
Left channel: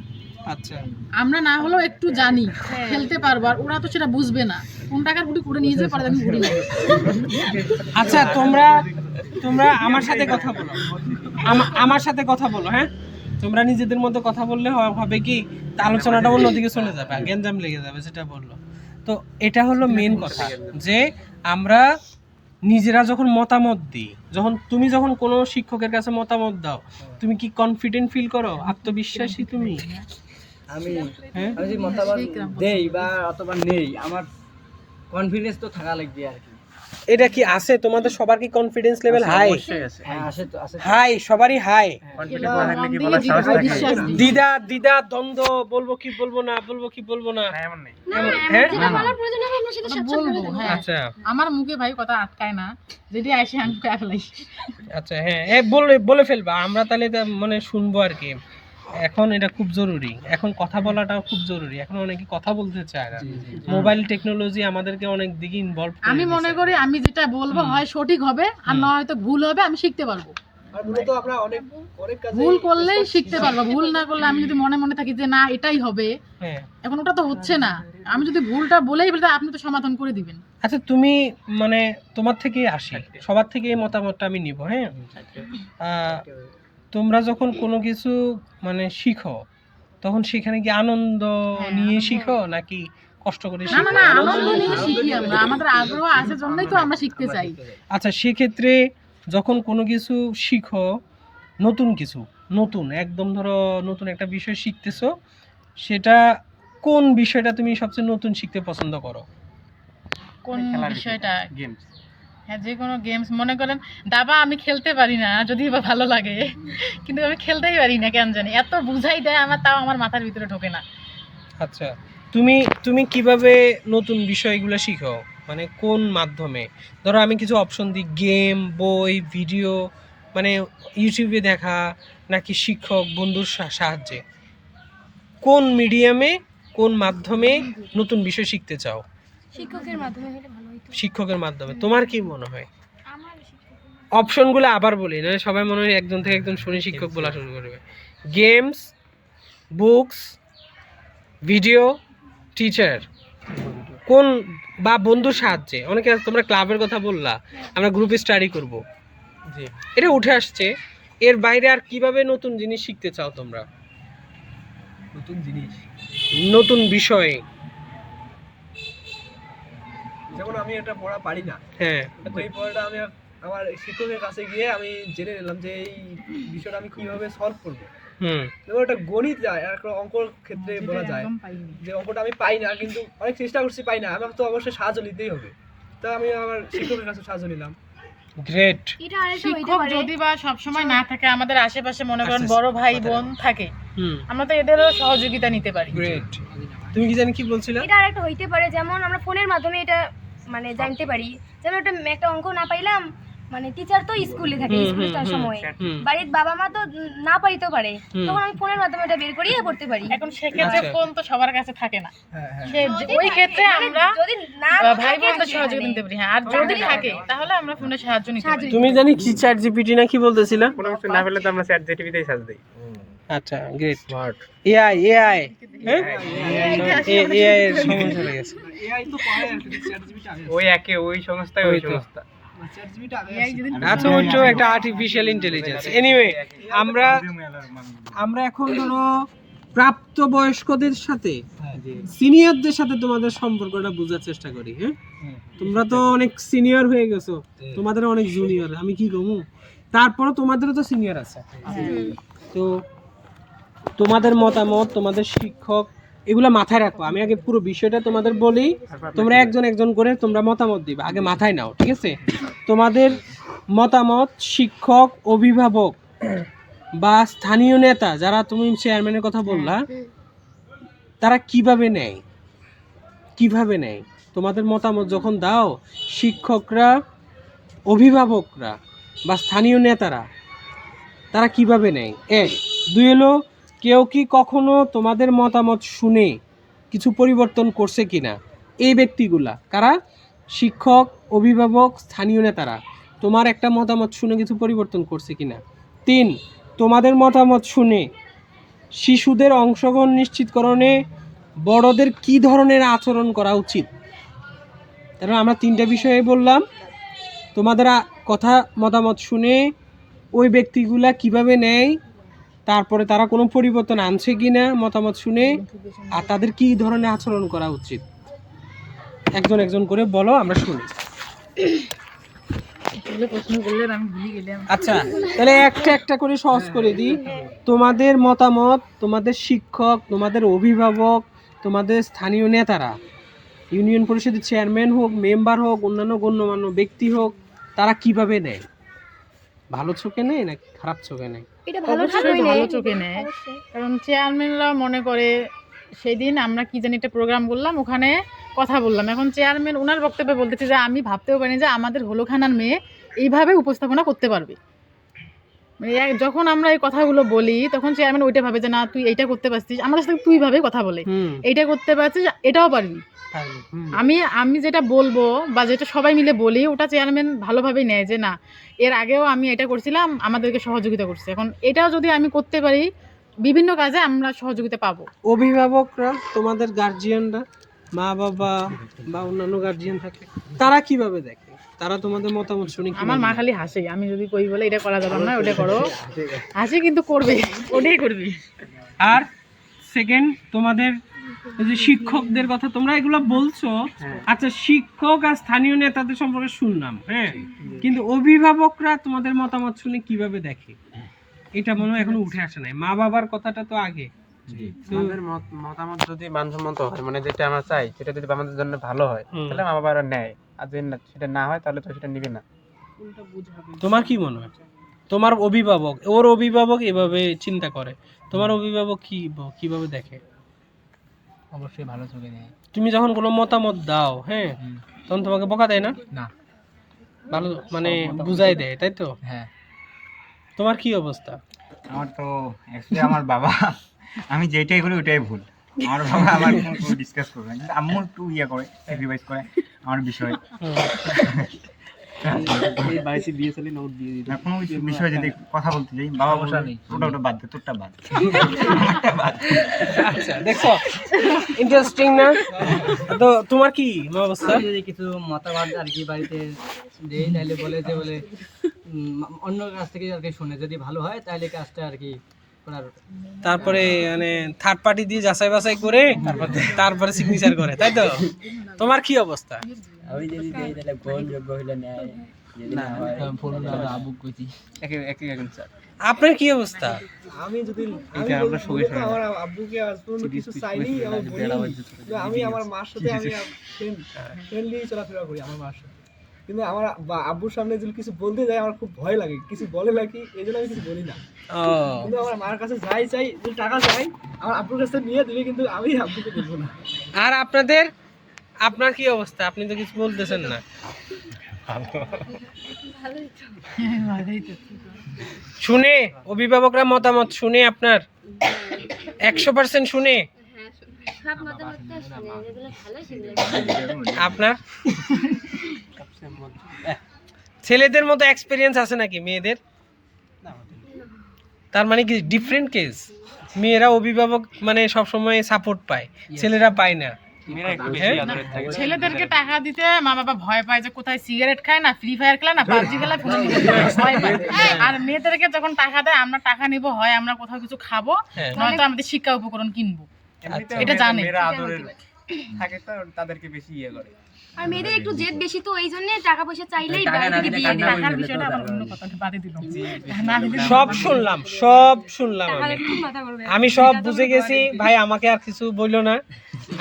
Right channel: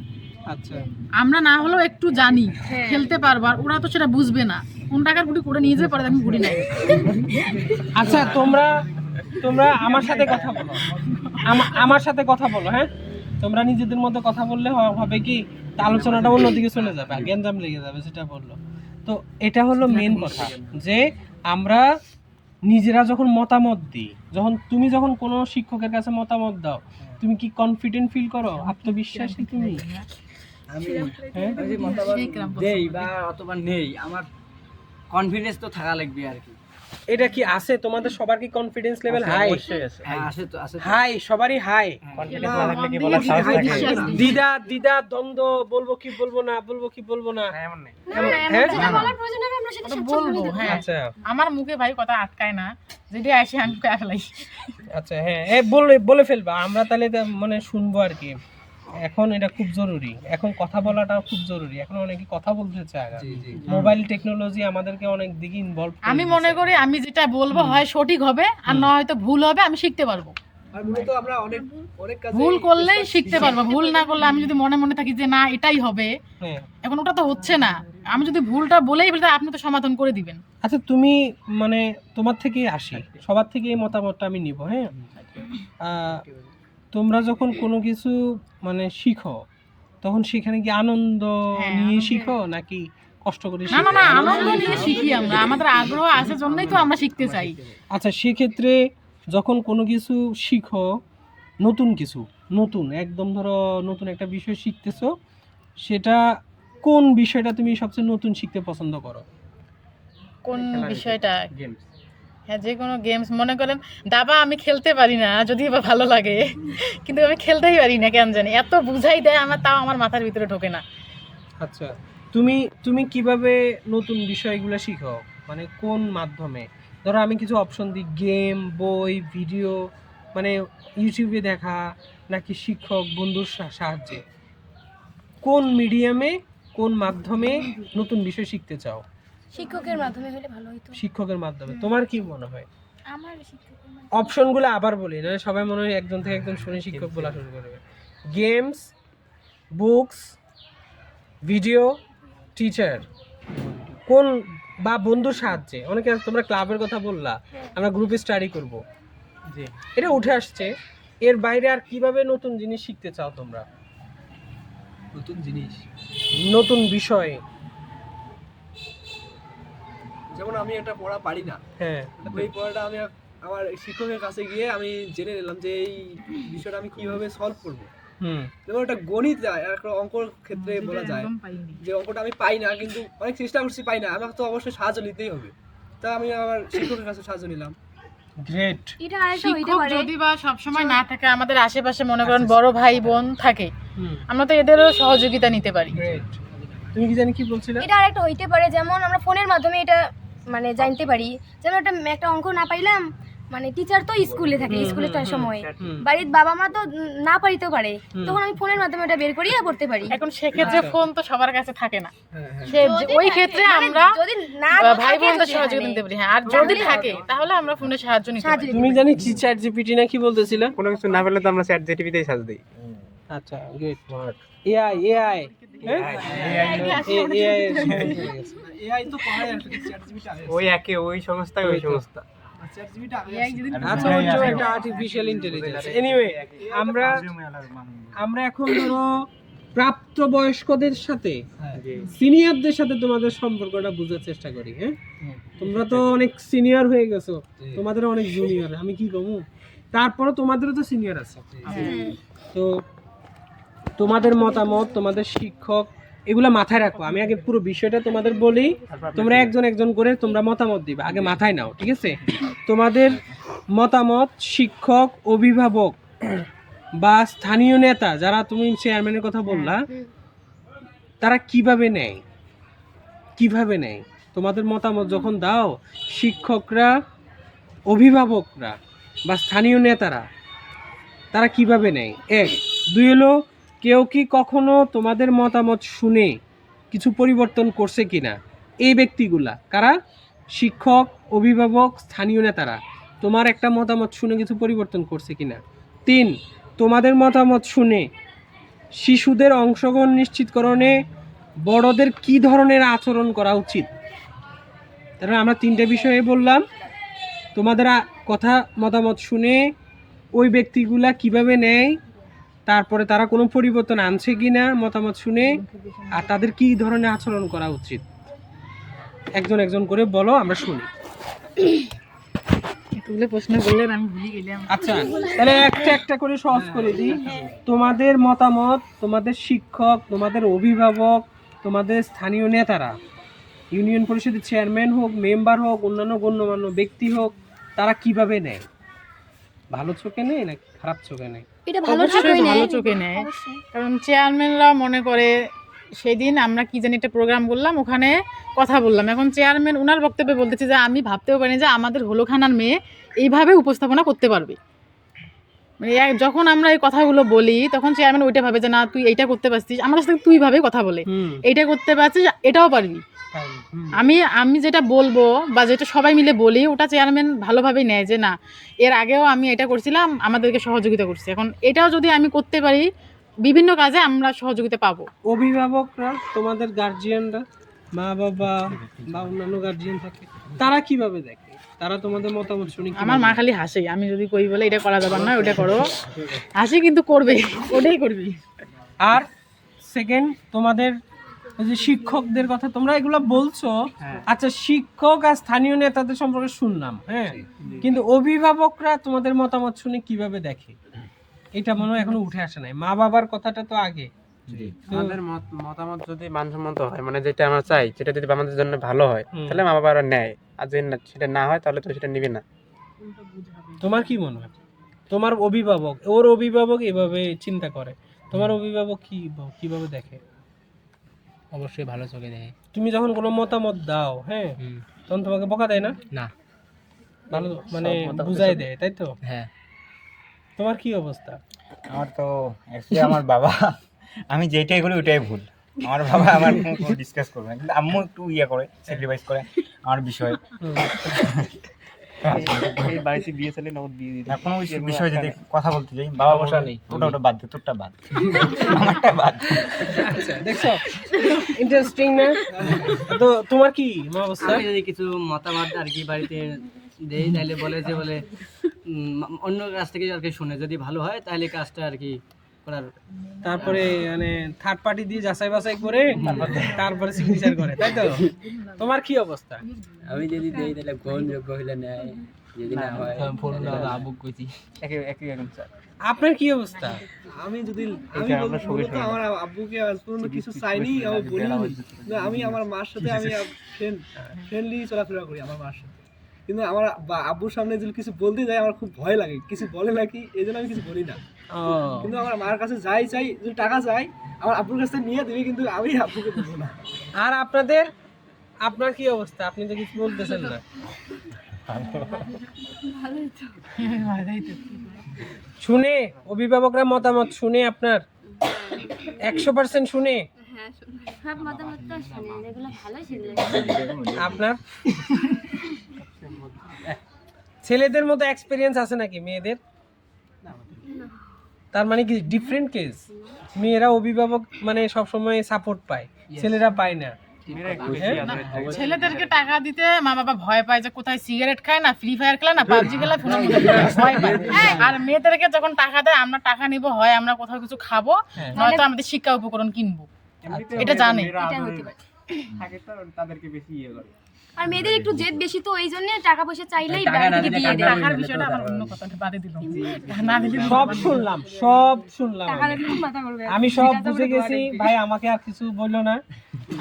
আচ্ছা আমরা না হলেও একটু জানি, খেলতে পারবো, আর ওরা তো সেটা বুঝবে না। কোন টাকার গুটি করে নিয়ে যেতে পারে আমি ঘুরি না। আচ্ছা তোমরা তোমরা আমার সাথে কথা বলো, আমার সাথে কথা বলো। হ্যাঁ তোমরা নিজেদের মধ্যে কথা বললে হবে কি তা আলোচনাটা অন্যদিকে চলে যাবে, গ্যাঞ্জাম লেগে যাবে, সেটা বললো। তো এটা হলো মেন কথা যে আমরা নিজেরা যখন মতামত দিই, যখন কোনো শিক্ষকের কাছে মতামত দাও, তুমি কি কনফিডেন্ট ফিল করো, আত্মবিশ্বাসী তুমি? আমি হ্যাঁ আমি যে মতামত দেই বা অথবা নেই, আমার কনফিডেন্স তো থাকা লাগবে আর কি। এটা কি আছে তোমাদের সবার? কি কনফিডেন্স লেভেল হাই? অবশ্যই আছে। হ্যাঁ আছে তো, আছে তো। হাই, সবারই হাই। কনফিডেন্স না থাকলে কি বলার সাহস থাকে? দ্বিধা দ্বন্দ্ব, বলবো কি বলবো না, বলবো কি বলবো না। না, এমন নেই। না, হ্যাঁ? যেটা বলার প্রয়োজন হবে আমরা সেটা স্বাচ্ছন্দ্য বলবো, বলে দেব। হ্যাঁ। আচ্ছা আমার মুখে ভাই কথা আটকায় না, যেটা আসে আমি কয়ে ফেলাই। আচ্ছা হ্যাঁ বলে ফেলবা, আমরা তাহলে মানে শুনবো আর কি। এখন এটা খুব জরুরি, এখন কথা বলাটাও খুব জরুরি। এখন অনেকে কথা বলতে চায় না, মোবাইল টেকনোলজি আমাদেরকে অনেক দিকে ইনভলভ। আমি মনে করি আমি যেটা বলবো হয় সঠিক হবে, আর না হয়তো ভুল হবে, আমি শিখতে পারবো। আর মূলত আমরা অনেক কাজে ভুল করলেই শিখতে পারবো, ভুল না করলে আমি যদি মনে মনে থাকি যে না এটাই হবে, হ্যাঁ এখন ওটা তো হচ্ছে না, আমি যদি ভুলটা বলেই বলি আপনি তো সমাধান করে দিবেন। আচ্ছা তুমি মানে তোমার থেকেই আসি, সবার থেকে এই মতামতটা আমি নিব। হ্যাঁ তোমরা যখন কোনো কিছু মানে শিখো তখন সেখানে কি আনন্দ নিয়ে শিখো নাকি কষ্ট করে না শিখো? না না, আনন্দ নিয়ে শিখি আমরা, আমাদের আগ্রহ আছে জন্যই তো আমরা শিখতে চাই। আচ্ছা সেক্ষেত্রে যখন কোনো কিছু শিখো, নতুন একদম ধরো নতুন একটা বিষয় শিখতেছো, সেটা কোন বিষয়টা তুমি সবচেয়ে নতুন শিখতে পছন্দ করো? কোন বিষয়টা? গেমস। হ্যাঁ যে কোনো গেমস, মনে করেন দাবা আমি খেলতে পারি না, যদি বা ভালো লাগে, কিন্তু আমি খেলতেই পারি না কেন জানি, এত বুঝাই দেয় আমার, তাও আমার মাথার ভিতরে ঢোকে না। আচ্ছা তুমি কিভাবে নতুন বিষয়গুলো শিখো, মানে কোন মাধ্যমে? ধরো আমি কিছু অপশন দিই, গেম, বই, ভিডিও, মানে ইউটিউবে দেখা নাকি শিক্ষক বন্ধুর সাহায্যে, কোন মিডিয়ামে কোন মাধ্যমে নতুন বিষয় শিখতে চাও? শিক্ষকের মাধ্যমে হলে ভালো হতো। শিক্ষকের মাধ্যমে। তোমার কি মনে হয়? আমার শিক্ষকের অপশনগুলো আবার বলি, না সবাই মনে হয় একজন থেকে একজন শুনে শিক্ষক বলা শুরু করবে। গেমস, বুকস, ভিডিও, টিচার, কোন বা বন্ধুর সাহায্যে? অনেকে তোমরা ক্লাবের কথা বললা, আমরা গ্রুপে স্টাডি করব, জি। এটা উঠে আসছে। এর বাইরে আর কিভাবে নতুন জিনিস শিখতে চাও তোমরা? নতুন জিনিস, নতুন বিষয়। যেমন আমি একটা পড়া পারি না, হ্যাঁ ওই পড়াটা আমি আমার শিক্ষকের কাছে গিয়ে আমি জেনে নিলাম যে এই বিষয়টা আমি কিভাবে সলভ করব। যেমন একটা গণিত যায়, একটা অঙ্কর ক্ষেত্রে বলা যায় একদম পাইনি। যে অঙ্কটা আমি পাই না, কিন্তু অনেক চেষ্টা করছি পাই না, আমাকে তো অবশ্যই সাহায্য নিতেই হবে। তা আমি আমার শিক্ষকের কাছে সাহায্য নিলাম। গ্রেট। এটা আরেকটা হইতে শিক্ষক পারে। যদি বা সবসময় না থাকে, আমাদের আশেপাশে মনে করেন বড় ভাই বোন থাকে, হুম আমরা তো এদেরও সহযোগিতা নিতে পারি। গ্রেট। তুমি কি জানি কি বলছিলা? এটা আরেকটা হইতে পারে, যেমন আমরা ফোনের মাধ্যমে এটা মানে জানতে পারি। যেমন একটা অঙ্ক না পাইলাম, মানে টিচার তো স্কুলে থাকে, স্কুলে তো সময় বাড়ির বাবা মা তো না পারিতেও পারে, তখন আমি ফোনের মাধ্যমে এটা বের করিয়ে পড়তে পারি। এখন সেক্ষেত্রে আচ্ছা। ফোন তো সবার কাছে থাকে না, হ্যাঁ, ওই ক্ষেত্রে মানে আমরা যদি না ভাই থাকে বোনদের যদি সহযোগিতা এখানে। নিতে পারি। হ্যাঁ, আর যদি থাকে তাহলে আমরা ফোনের সাহায্য নিতে পারি। তুমি জানি কি চ্যাট জিপিটি না কি বলতেছিলা? কোনো কিছু না পেলে তো আমরা চ্যাট জিপিটিতেই সার্চ দিই। আচ্ছা গ্রেট। এআই হ্যাঁ এআই এর সময় চলে গেছে। এআই তো পড়ায় আর কি, ChatGPT আগে। ওই একে ওই সংস্থায় ওই ওই তো। সংস্থা। ChatGPT আগে এই আছে। যেদিন আচ্ছা ওইটাও একটা আর্টিফিশিয়াল ইন্টেলিজেন্স। এনিওয়ে আমরা এখন ধরো প্রাপ্তবয়স্কদের সাথে সিনিয়রদের সাথে তোমাদের সম্পর্কটা বোঝার চেষ্টা করি। হ্যাঁ তোমরা তো অনেক সিনিয়র হয়ে গেছো, তোমাদের অনেক জুনিয়র, আমি কি কমু, তারপরে তোমাদেরও তো সিনিয়র আছে। তো তোমাদের মতামত, তোমাদের শিক্ষক এগুলা মাথায় রাখো। আমি আগে পুরো বিষয়টা তোমাদের বলি, তোমরা একজন একজন করে তোমরা মতামত দিবে, আগে মাথায় নাও, ঠিক আছে? তোমাদের মতামত শিক্ষক, অভিভাবক বা স্থানীয় নেতা, যারা তুমি চেয়ারম্যানের কথা বললা, তারা কিভাবে নেয়, কিভাবে নেয়? তোমাদের মতামত যখন দাও, শিক্ষকরা, অভিভাবকরা বা স্থানীয় নেতারা তারা কিভাবে নেয়? এক। দুই হলো, কেউ কি কখনো তোমাদের মতামত শুনে কিছু পরিবর্তন করছে কিনা? এই ব্যক্তিগুলা কারা? শিক্ষক, অভিভাবক, স্থানীয় নেতারা তোমার একটা মতামত শুনে কিছু পরিবর্তন করছে কিনা? তিন, তোমাদের মতামত শুনে শিশুদের অংশগ্রহণ নিশ্চিতকরণে বড়দের কি ধরনের আচরণ করা উচিত? তাহলে আমরা তিনটা বিষয়ে বললাম। তোমাদের কথা মতামত শুনে ওই ব্যক্তিগুলা কিভাবে নেয়, তারপরে তারা কোনো পরিবর্তন আনছে কিনা মতামত শুনে, আর তাদের কি ধরনের আচরণ করা উচিত। একজন একজন করে বলো, আমরা শুনি। প্রশ্ন করলেন, আমি ভুলে গেলাম। আচ্ছা, তাহলে একটা একটা করে সহজ করে দিই। তোমাদের মতামত, তোমাদের শিক্ষক, তোমাদের অভিভাবক, তোমাদের স্থানীয় নেতারা, ইউনিয়ন পরিষদের চেয়ারম্যান হোক, মেম্বার হোক, অন্যান্য গণ্যমান্য ব্যক্তি হোক, তারা কিভাবে নেয়? ভালো চোখে নেয় না খারাপ চোখে নেয়? অবশ্যই ভালো চোখে নেয়, কারণ চেয়ারম্যানরা মনে করে সেদিন আমরা কি জানি একটা প্রোগ্রাম করলাম, ওখানে কথা বললাম, এখন চেয়ারম্যান ওনার বক্তব্যে বলতেছে যে আমি ভাবতেও পারি যে আমাদের হলখানার মেয়ে এইভাবে উপস্থাপনা করতে পারবে। মানে যখন আমরা এই কথাগুলো বলি তখন চেয়ারম্যান ওইটা ভাবে যে না তুই এইটা করতে পারছিস, আমাদের সাথে তুই ভাবে কথা বলে, এইটা করতে পারছিস, এটাও পারবি। আমি যেটা বলবো বা যেটা সবাই মিলে বলি, ওটা চেয়ারম্যান ভালোভাবেই নেয় যে না এর আগেও আমি এটা করছিলাম, আমাদেরকে সহযোগিতা করছে, এখন এটাও যদি আমি করতে পারি বিভিন্ন কাজে আমরা সহযোগিতা পাবো। অভিভাবকরা, তোমাদের গার্জিয়ানরা, মা বাবা বা অন্যান্য গার্জিয়ান থাকে, তারা কিভাবে দেখে? তারা তোমাদের মতামত শুনে আমার মা খালি হাসে, আমি যদি কই বলে এটা করা যাবে না, ওটা করো, হাসি কিন্তু করবে, ওটাই করবি। আর সেকেন্ড, তোমাদের যে শিক্ষকদের কথা তোমরা এগুলো বলছো, আচ্ছা শিক্ষক আর স্থানীয় নেতাদের সম্পর্কে শুনলাম, হ্যাঁ, কিন্তু অভিভাবকরা তোমাদের মতামত শুনে কিভাবে দেখে? এটা মনে হয় এখনো উঠে আসে নাই। মা বাবার কথাটা তো আগে। আমাদের মতামত যদি মানসম্মত হয়, মানে যেটা আমরা চাই সেটা যদি আমাদের জন্য ভালো হয়, তাহলে মা বাবারা নেয়, আর যদি সেটা না হয় তাহলে তো সেটা নিবে না। তোমার কি মনে হয়? তোমার অভিভাবক, ওর অভিভাবক এভাবে চিন্তা করে, তোমার অভিভাবক কিভাবে দেখে? অবশ্যই ভালো চোখে দেয়। তুমি যখন কোনো মতামত দাও, হ্যাঁ, তখন তোমাকে বকা দেয় না? না, ভালো মানে বুঝাই দেয়, তাই তো? হ্যাঁ। তোমার কি অবস্থা? আমার তো অ্যাকচুয়ালি আমার বাবা, আমি যেটাই করি ওটাই ভুল। আমার বাবা আমার কোনো ডিসকাস করবে না, কিন্তু আম্মু একটু ইয়ে করে, স্যাক্রিফাইস করে আমার বিষয়ে। বাড়িতে বিয়ে চলে না, ওর বিয়ে দিতে না কোনো বিষয়ে যদি কথা বলতে যাই, বাবা বসা নেই, ওটা বাদ দে, তোরটা বাদ, আমারটা বাদ। আচ্ছা, দেখছো ইন্টারেস্টিং না? তো তোমার কি অবস্থা? যদি কিছু মতামত আর কি বাড়িতে দেই, তাহলে বলে যে বলে অন্য কাছ থেকে আর কি শুনে যদি ভালো হয় তাহলে কাজটা আর কি করার, তারপরে মানে থার্ড পার্টি দিয়ে যাচাই বাছাই করে তারপরে সিগনেচার করে, তাই তো? তোমার কি অবস্থা? আমি যদি দেই তাহলে গ্রহণযোগ্য হইলে নেয়, যদি না হয় ফোন আবু কইছি একই এখন স্যার। আপনার কি অবস্থা? আমি যদি আমার আব্বুকে আজ পর্যন্ত কিছু চাইনি, আমি বলিনি, আমি আমার মার সাথে আমি ফ্রেন্ডলি চলাফেরা করি আমার মার সাথে, কিন্তু আমার আব্বুর সামনে যদি কিছু বলতে যাই আমার খুব ভয় লাগে, কিছু বলে নাকি এই জন্য আমি কিছু বলি না। কিন্তু আমার মার কাছে যাই চাই, যদি টাকা চাই আমার আব্বুর কাছে নিয়ে দিবে, কিন্তু আমি আব্বুকে দেবো না। আর আপনার কি অবস্থা? আপনি তো কিছু বলতেছেন না। শুনে অভিভাবকরা মতামত শুনে আপনার 100% শুনে সব মতামত তো শুনে, যেগুলো ভালো শুনে। আপনার ছেলেদের মতো এক্সপেরিয়েন্স আছে নাকি মেয়েদের? তার মানে কি ডিফারেন্ট কেস? মেয়েরা অভিভাবক মানে সবসময় সাপোর্ট পায়, ছেলেরা পায় না। ছেলেদেরকে টাকা দিতে মা বাবা ভয় পায় যে কোথায় সিগারেট খায় না, ফ্রি ফায়ার খেলে না, পাবজি খেলে, ভয় পায়। আর মেয়েদেরকে যখন টাকা দেয়, আমরা টাকা নিব, হয় আমরা কোথাও কিছু খাবো, নয়তো আমাদের শিক্ষা উপকরণ কিনবো, এটা জানে। থাকে তো তাদেরকে বেশি ইয়ে করে। আর মেয়েদের একটু জেদ বেশি, তো এই জন্য টাকা পয়সা চাইলেই টাকা বাড়ি না থেকে দিলে দিয়ে দেয়। টাকার বিষয়টা আবার অন্য কথাটা বাদে দিলাম না দিলে সব শুনলাম আমি সব বুঝে গেছি ভাই, আমাকে আর কিছু বললো না,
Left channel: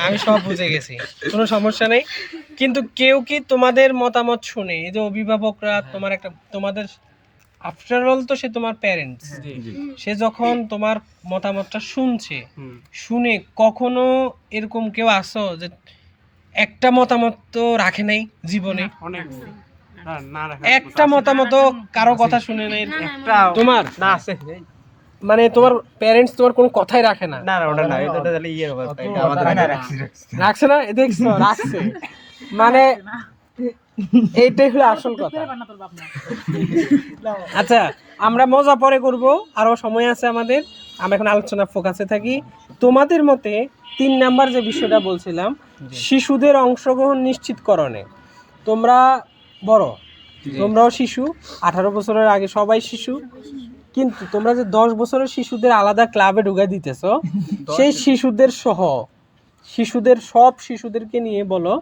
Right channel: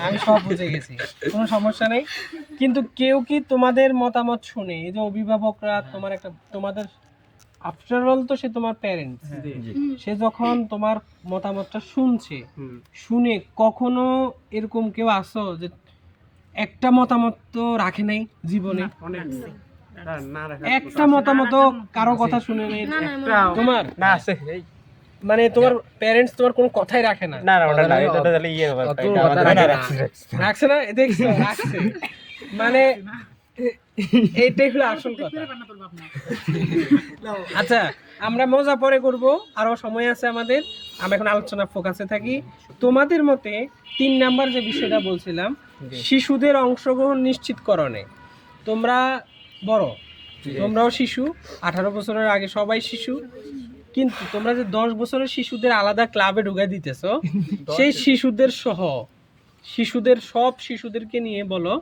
আমি সব বুঝে গেছি, কোনো সমস্যা নেই। কিন্তু কেউ কি তোমাদের মতামত শুনে, এই যে অভিভাবকরা তোমাদের আফটার অল তো সে তোমার প্যারেন্টস, সে যখন তোমার মতামতটা শুনছে, শুনে কখনো এরকম কেউ আসো যে একটা মতামত তো রাখে নাই জীবনে, একটা মতামত কারো কথা শুনে নাই তোমার? না আছে মানে তোমার প্যারেন্টস তোমার কোনো কথাই রাখে না? না ওটা না, এটা তাহলে ইয়ে হবে, এটা আমাদের রাখছে না, দেখছো রাখছে, মানে এইটাই হলো আসল কথা। আচ্ছা, আমরা মজা পরে করব, আরো সময় আছে আমাদের, আমরা এখন আলোচনা ফোকাসে থাকি। তোমাদের মতে 3 নাম্বার যে বিষয়টা বলছিলাম, শিশুদের অংশগ্রহণ নিশ্চিতকরণে, তোমরা বড়, তোমরাও শিশু, 18 বছরের আগে সবাই শিশু, কিন্তু তোমরা যে 10 বছরের শিশুদের আলাদা ক্লাবে ঢুকাই দিতেছো, সেই শিশুদের সহ শিশুদের সব শিশুদেরকে নিয়ে বলো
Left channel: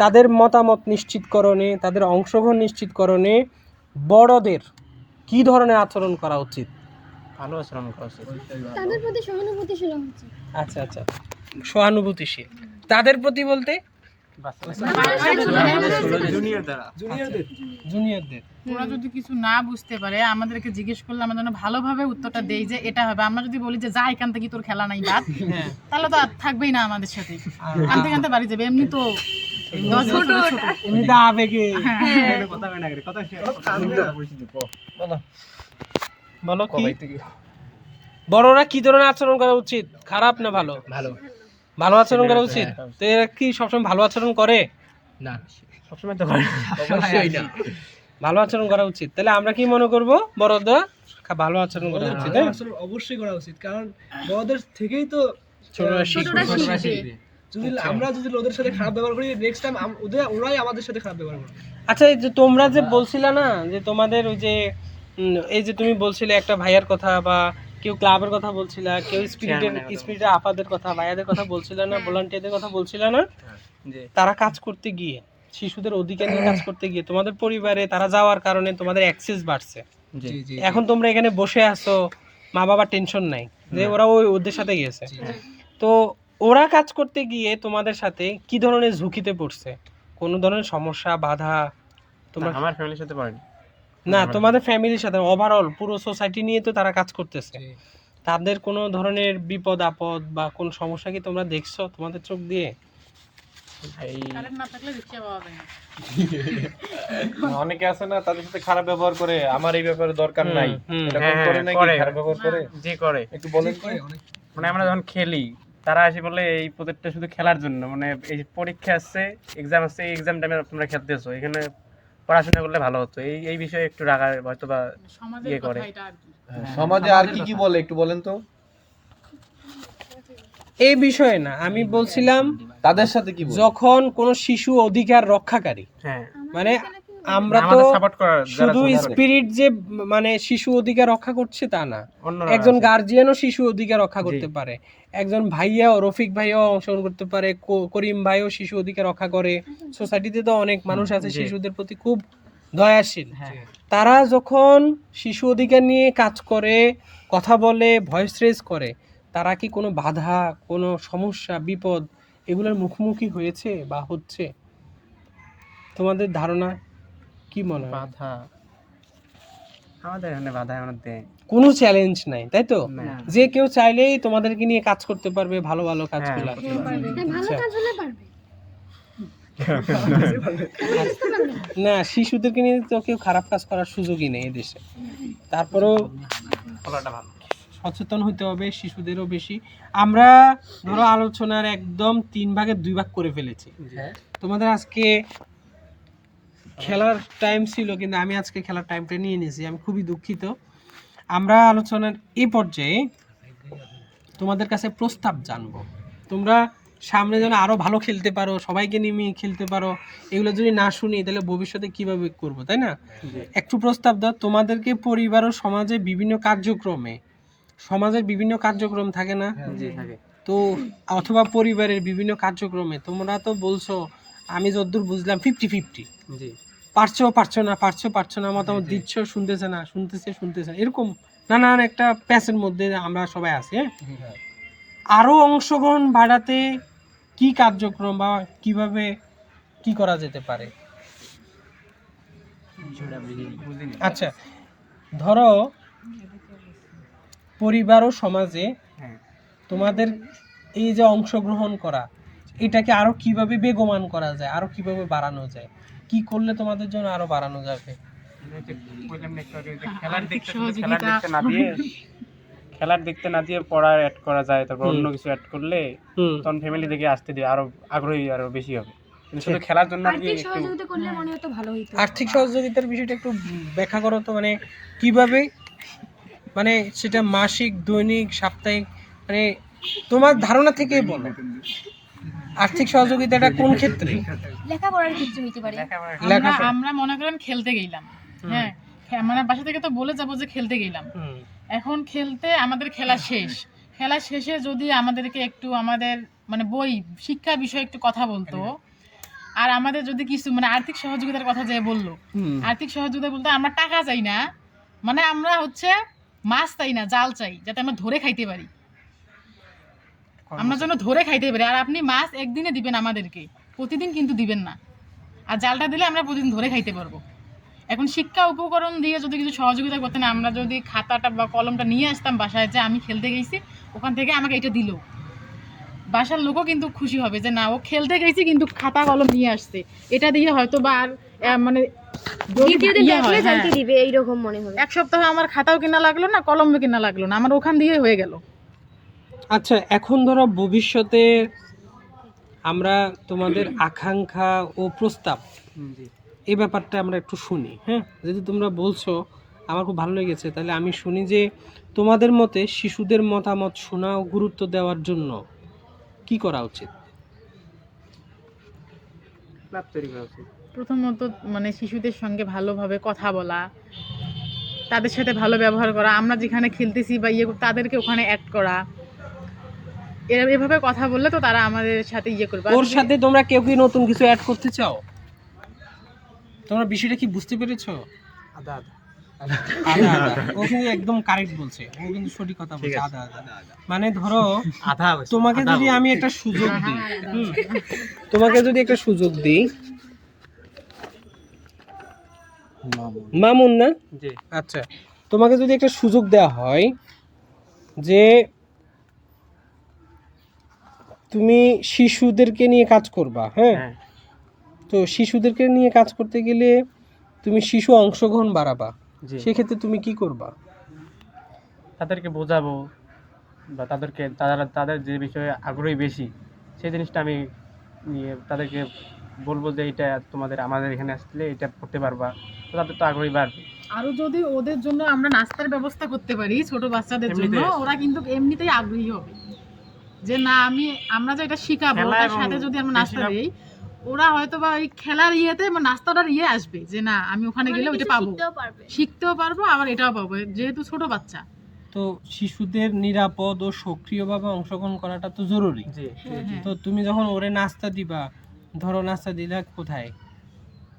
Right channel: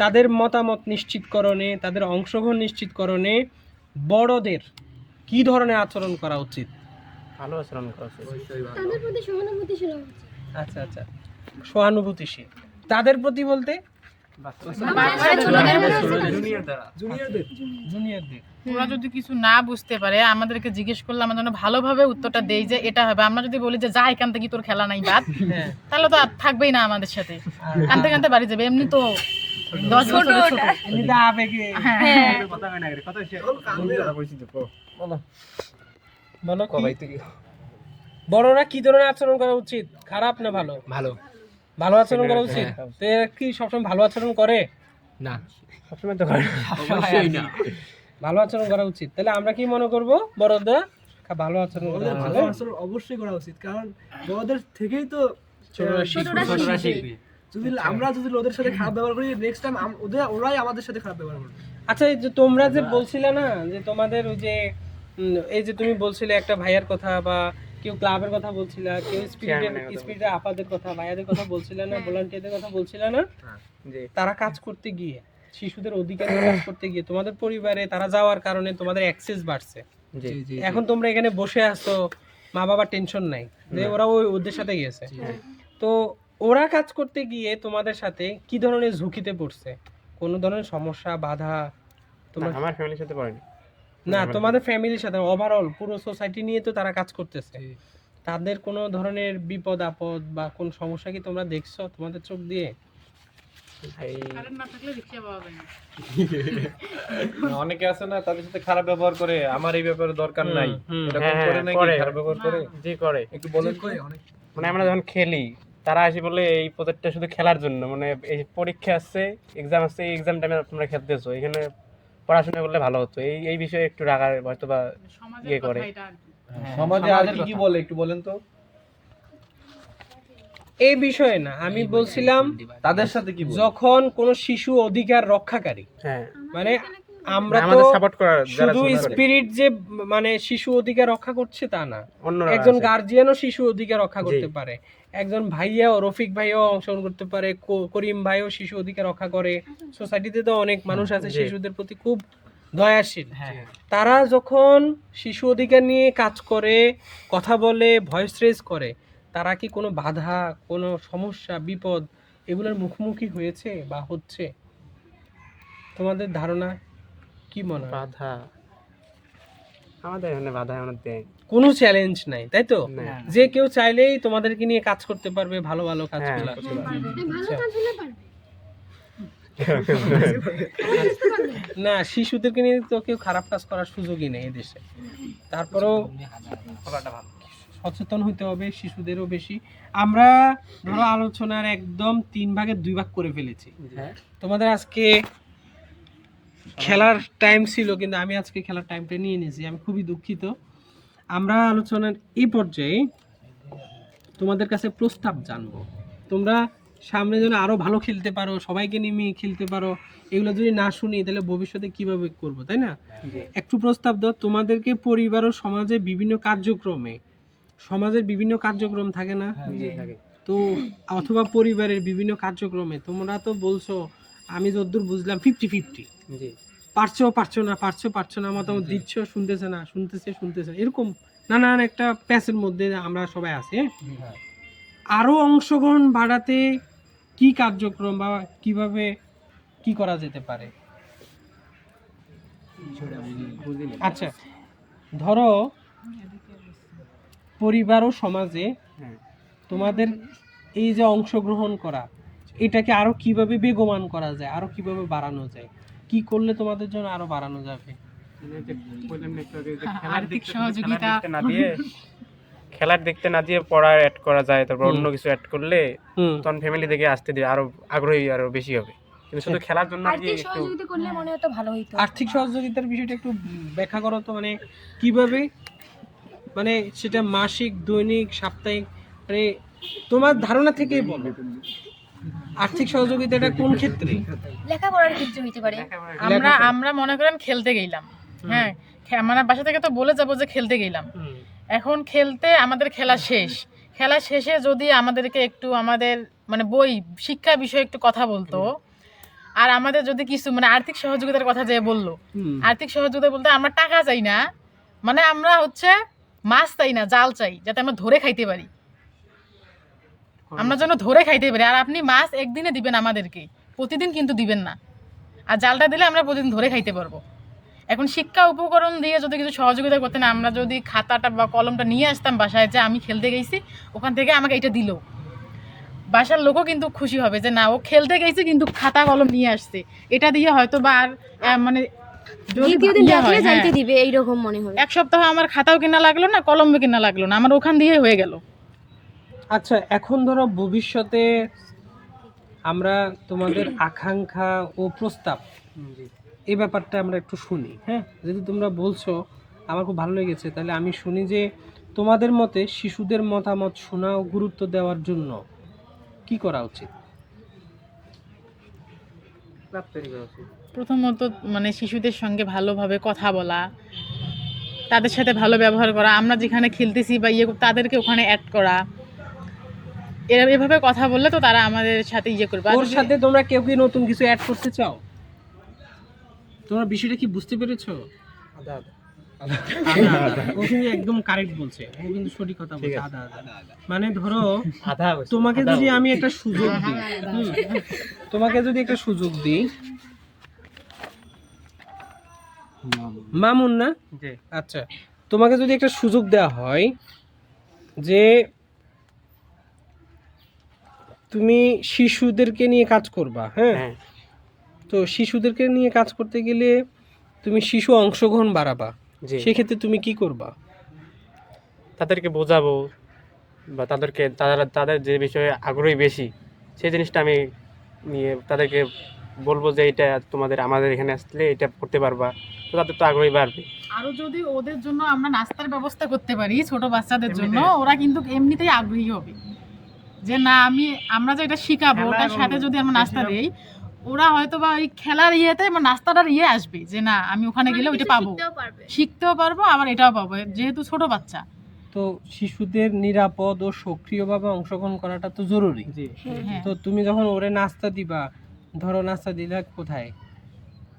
তাদের মতামত নিশ্চিতকরণে, তাদের অংশগ্রহণ নিশ্চিতকরণে বড়দের কি ধরনের আচরণ করা উচিত? ভালো আচরণ করা উচিত, তাদের প্রতি সহানুভূতিশীল হওয়া উচিত। আচ্ছা আচ্ছা, সহানুভূতিশীল তাদের প্রতি বলতে জুনিয়রদের। ওরা যদি কিছু না বুঝতে পারে আমাদেরকে জিজ্ঞেস করলে আমরা যেন ভালোভাবে উত্তরটা দেই যে এটা হবে। আমরা যদি বলি যে যা এখান থেকে তোর খেলা নাই বাদ, তাহলে তো আর থাকবেই না আমাদের সাথে, কানতে কানতে বাড়ি যাবে। এমনি তো বলো বড়রা কি ধরনের আচরণ করা উচিত? খারাপ না ভালো? ভালো, ভালো আচরণ করা উচিত। তো এরা কি সবসময় ভালো আচরণ করে? না, সবসময় তো করে অবশ্যই না, ভালো আচরণ করা উচিত। তাহলে আমরা কি মনে করব, বড়দের ভালো আচরণ করা উচিত? অবশ্যই করা উচিত, কারণ বড়দের থেকেই তো ছোটরা শিখবে। যদি আমরা ওদের সাথে খারাপ ব্যবহার করি, নেক্সট টাইম ওরাই আমাদের সাথে খারাপ ব্যবহার করবে। আচ্ছা, এই যে তোমরা যে বলছিলা না যে তোমাদের ওই যে এই যে তুমি বলছিলে একটা ভাইয়ার কথা, বা কেউ ক্লাবের কথা বলছিলা, কেউ স্পিরিটের আপাদের কথা, ভাইয়াদের কথা বলছিলা না, ভলান্টিয়ারদের কথা বলছিলা না, তারা কাজ করতে গিয়ে, শিশুদের অধিকার নিয়ে কাজ করতে গিয়ে তোমাদের পরিবারে তারা যাওয়ার কারণে তোমাদের অ্যাক্সেস বাড়ছে। এখন তোমরা এখানে বসে আছো, মা বাবা টেনশন নাই যে ওরা ওদের সাথে গিয়েছে। তো ওরা কাজ করতে গিয়ে তোমাদের সাথে কি ধরনের ঝুঁকিতে পড়ছে? কোন ধরনের সমস্যা, বাধা? তোমার আমার ফ্যামিলির সাথে পড়েনি না, তোমাদের ফ্যামিলির সাথে, ওভারঅল পুরো সোসাইটি নিয়ে তো তারা কাজ করতেছে। তাদের কোনো ধরনের বিপদ আপদ বা কোন সমস্যা কি তোমরা দেখছো তোমাদের চোখ দিয়ে? কারেন্ট না থাকলে রিকশা পাওয়া যায় না। অনেকে আছে না, তাদের সাথে খারাপ ব্যবহার করে, আমার এই ব্যাপারে দরকার নাই, এরকম করে নাকি খারাপ ব্যবহার করে? জি করে, একটু বলেন। মানে আমরা যখন খেলি, তারা আসে বলে এই প্রজেক্টটা শুধু খেলার জন্য, মানে এই পরীক্ষা আসছে, এক্সাম আসছে, এই এক্সাম টাইমে তোমরা খেলতেছো, এখানে পড়াশোনা করলে ভালো হতো, এই বিষয়ে একটু রাগা হয়তো বা ইয়ে করে। সমাজে আর কি কি বলে একটু বলেন তো। এই বিষয়ে না, আমি বলছিলাম তাদের সাথে কি বলে? যখন কোনো শিশু অধিকার রক্ষাকারী, হ্যাঁ মানে আমরা তো শুধু স্পিরিট যে মানে শিশু অধিকার রক্ষা করছে তা না, একজন গার্জিয়ানও শিশু অধিকার রক্ষা করতে পারে, একজন ভাইয়াও, রফিক ভাইয়াও অংশগ্রহণ করতে পারে, করিম ভাইও শিশু অধিকার রক্ষা করে। সোসাইটিতে তো অনেক মানুষ আছে শিশুদের প্রতি খুব দয়াশীল, তারা যখন শিশু অধিকার নিয়ে কাজ করে, কথা বলে, ভয়েস রেজ করে, তারা কি কোনো বাধা, কোনো সমস্যা, বিপদ এগুলোর মুখোমুখি হয়েছে বা হচ্ছে? তোমাদের ধারণা কি মনে হয়? বাধা আমাদের এখানে বাধা আমাদের কোনো চ্যালেঞ্জ নাই, তাই তো? যে কেউ চাইলেই তোমাদেরকে নিয়ে কাজ করতে পারবে, ভালো ভালো কাজগুলো। ভালো কাজ হলে পারবে না, শিশুদেরকে নিয়ে তো কেউ খারাপ কাজ করার সুযোগই নেই এদেশে। তারপরেও সচেতন হইতে হবে শিশুদেরও বেশি। আমরা ধরো আলোচনার একদম 3 ভাগে 2 ভাগ করে ফেলেছি। তোমাদের আজকে খেলার টাইম ছিল, কিন্তু আমি আজকে খেলার টাইমটা নিয়ে নিয়েছি, আমি খুবই দুঃখিত। আমরা আলোচনার এই পর্যায়ে তোমাদের কাছে প্রস্তাব জানবো, তোমরা সামনে যেন আরো ভালো খেলতে পারো, সবাইকে নিয়ে খেলতে পারো। এগুলো যদি না শুনি তাহলে ভবিষ্যতে কিভাবে করবো, তাই না? একটু প্রস্তাব দাও। তোমাদেরকে পরিবার ও সমাজে বিভিন্ন কার্যক্রমে, সমাজের বিভিন্ন কার্যক্রম থাকে না তো, অথবা পরিবারের বিভিন্ন কার্যক্রমে তোমরা তো বলছো আমি যতদূর বুঝলাম 50-50, জি পারছো না মতামত দিচ্ছ, শুনতেছে না এরকম নানান একটা প্যাচের মধ্যে আমরা সবাই আছি। হ্যাঁ, আরো অংশগ্রহণ বাড়াতে কি কার্যক্রম বা কিভাবে কি করা যেতে পারে? আচ্ছা, ধরো পরিবার ও সমাজে তোমাদের এই যে অংশগ্রহণ করা, এটাকে আরো কিভাবে বেগবান করা যায়, আরো কিভাবে বাড়ানো যায়, কি করলে তোমাদের জন্য আরো বাড়ানো যাবে? খেলার দেখতে না দিয়ে পড়া অ্যাড করা যায়, তারপর অন্য কিছু অ্যাড করলে তখন ফ্যামিলি থেকে আসতে দিয়ে আরো আগ্রহী আরো বেশি হবে। কিন্তু শুধু খেলার জন্য আর কি আর্থিক একটু সহযোগিতা করলে মনে হতো ভালো হতো। আর্থিক সহযোগিতার বিষয়টা একটু ব্যাখ্যা করো তো, মানে কিভাবে, মানে সেটা মাসিক, দৈনিক, সাপ্তাহিক, মানে তোমার ধারণা থেকেই বলো। আর্থিক সহযোগিতাটা কোন ক্ষেত্রে? লেখাপড়ার ক্ষেত্রে হইতে পারে। আমরা মনে করেন খেলতে গেলাম, হ্যাঁ মানে বাসা থেকে তো বলে যাবো যে খেলতে গেলাম, এখন খেলতে আমাদের খেলা শেষে যদি আমাদেরকে একটু আমাদের মানে বই শিক্ষা বিষয়ে একটু কথা বলতো, আর আমাদের যদি কিছু মানে আর্থিক সহযোগিতার কথা যে বললো, আর্থিক সহযোগিতা বলতে আমরা টাকা চাই না, মানে আমরা হচ্ছে মাছ চাই না, জাল চাই, যাতে আমরা ধরে খাইতে পারি, আমরা যেন ধরে খাইতে পারি। আর আপনি মাছ একদিনে দিবেন আমাদেরকে, প্রতিদিন কিন্তু দিবেন না, আর জালটা দিলে আমরা প্রতিদিন ধরে খাইতে পারবো। এখন শিক্ষা উপকরণ দিয়ে যদি কিছু সহযোগিতা করতেন, আমরা যদি খাতাটা বা কলমটা নিয়ে আসতাম বাসায়, যে আমি খেলতে গেছি ওখান থেকে আমাকে এটা দিল, বাসার লোকও কিন্তু খুশি হবে যে না ও খেলতে গেছে কিন্তু খাতা কলম নিয়ে আসছে, এটা দিয়ে হয়তো বা আর মানে দিবে এইরকম মনে হবে। এক সপ্তাহ আমার খাতাও কেনা লাগলো না, কলমও কেনা লাগলো না, আমার ওখান দিয়ে হয়ে গেল। আচ্ছা, এখন ধরো ভবিষ্যতে আমরা তোমাদের আকাঙ্ক্ষা ও প্রস্তাব, এই ব্যাপারটা আমরা একটু শুনি। হ্যাঁ, যদি তোমরা বলছো আমার খুব ভালো লেগেছে, তাহলে আমি শুনি যে তোমাদের মতে শিশুদের মতামত শোনা ও গুরুত্ব দেওয়ার জন্য কি করা উচিত? প্রথমত মানে শিশুদের সঙ্গে ভালোভাবে কথা বলা, তাদের সাথে ভালো ব্যবহার করা, আমরা যেখানে খেলতেছি বা তাদেরকে ওখানে অ্যাড করা, এভাবে কথা বললে তো তারা আমাদের সাথে করবে। ওর সাথে তোমরা কেউ কি নতুন কিছু অ্যাড করতে চাও? তোমরা বিষয়টা কি বুঝতে পেরেছো? ও কিন্তু একদম কারেক্ট বলছে, ও কিন্তু সঠিক কথা বলছে। মানে ধরো তোমাকে যদি আমি একটা সুযোগ দিই, মামুন না, আচ্ছা, তোমাকে যদি একটা সুযোগ দেওয়া হয় যে তুমি শিশুদেরকে নিয়ে কাজ করবা, হ্যাঁ, তো শিশুদেরকে নিয়ে কাজ করতে গেলে তুমি শিশু অংশগ্রহণ বাড়াবা, সেক্ষেত্রে তুমি কি করবা? তাদেরকে বোঝাবো বা তাদের যে বিষয়ে আগ্রহী বেশি সেই জিনিসটা আমি নিয়ে তাদেরকে বলবো যে এটা আমাদের এখানে আসলে এটা করতে পারবা, তো তাদের তো আগ্রহী বাড়বে। আরো যদি ওদের জন্য আমরা নাস্তার ব্যবস্থা করতে পারি ছোট বাচ্চাদের জন্য, ওরা কিন্তু এমনিতেই আগ্রহী হবে যে না আমরা যে এটা শিখাবো তার সাথে যদি আমরা নাস্তা দেই, ওরা হয়তো বা ওই খেলার ইয়েতে নাস্তাটার আসবে যে না আমি ওখানে গেলে ওইটা পাবো, শিখতেও পারবো, আবার এটাও পাবো, যেহেতু ছোট বাচ্চা। তো শিশুদের নিরাপদ ও সক্রিয়ভাবে অংশগ্রহণ করাটা তো জরুরি। তো তুমি যখন ওরে নাস্তা দিবা, ধরো নাস্তা দিলে কোথায়?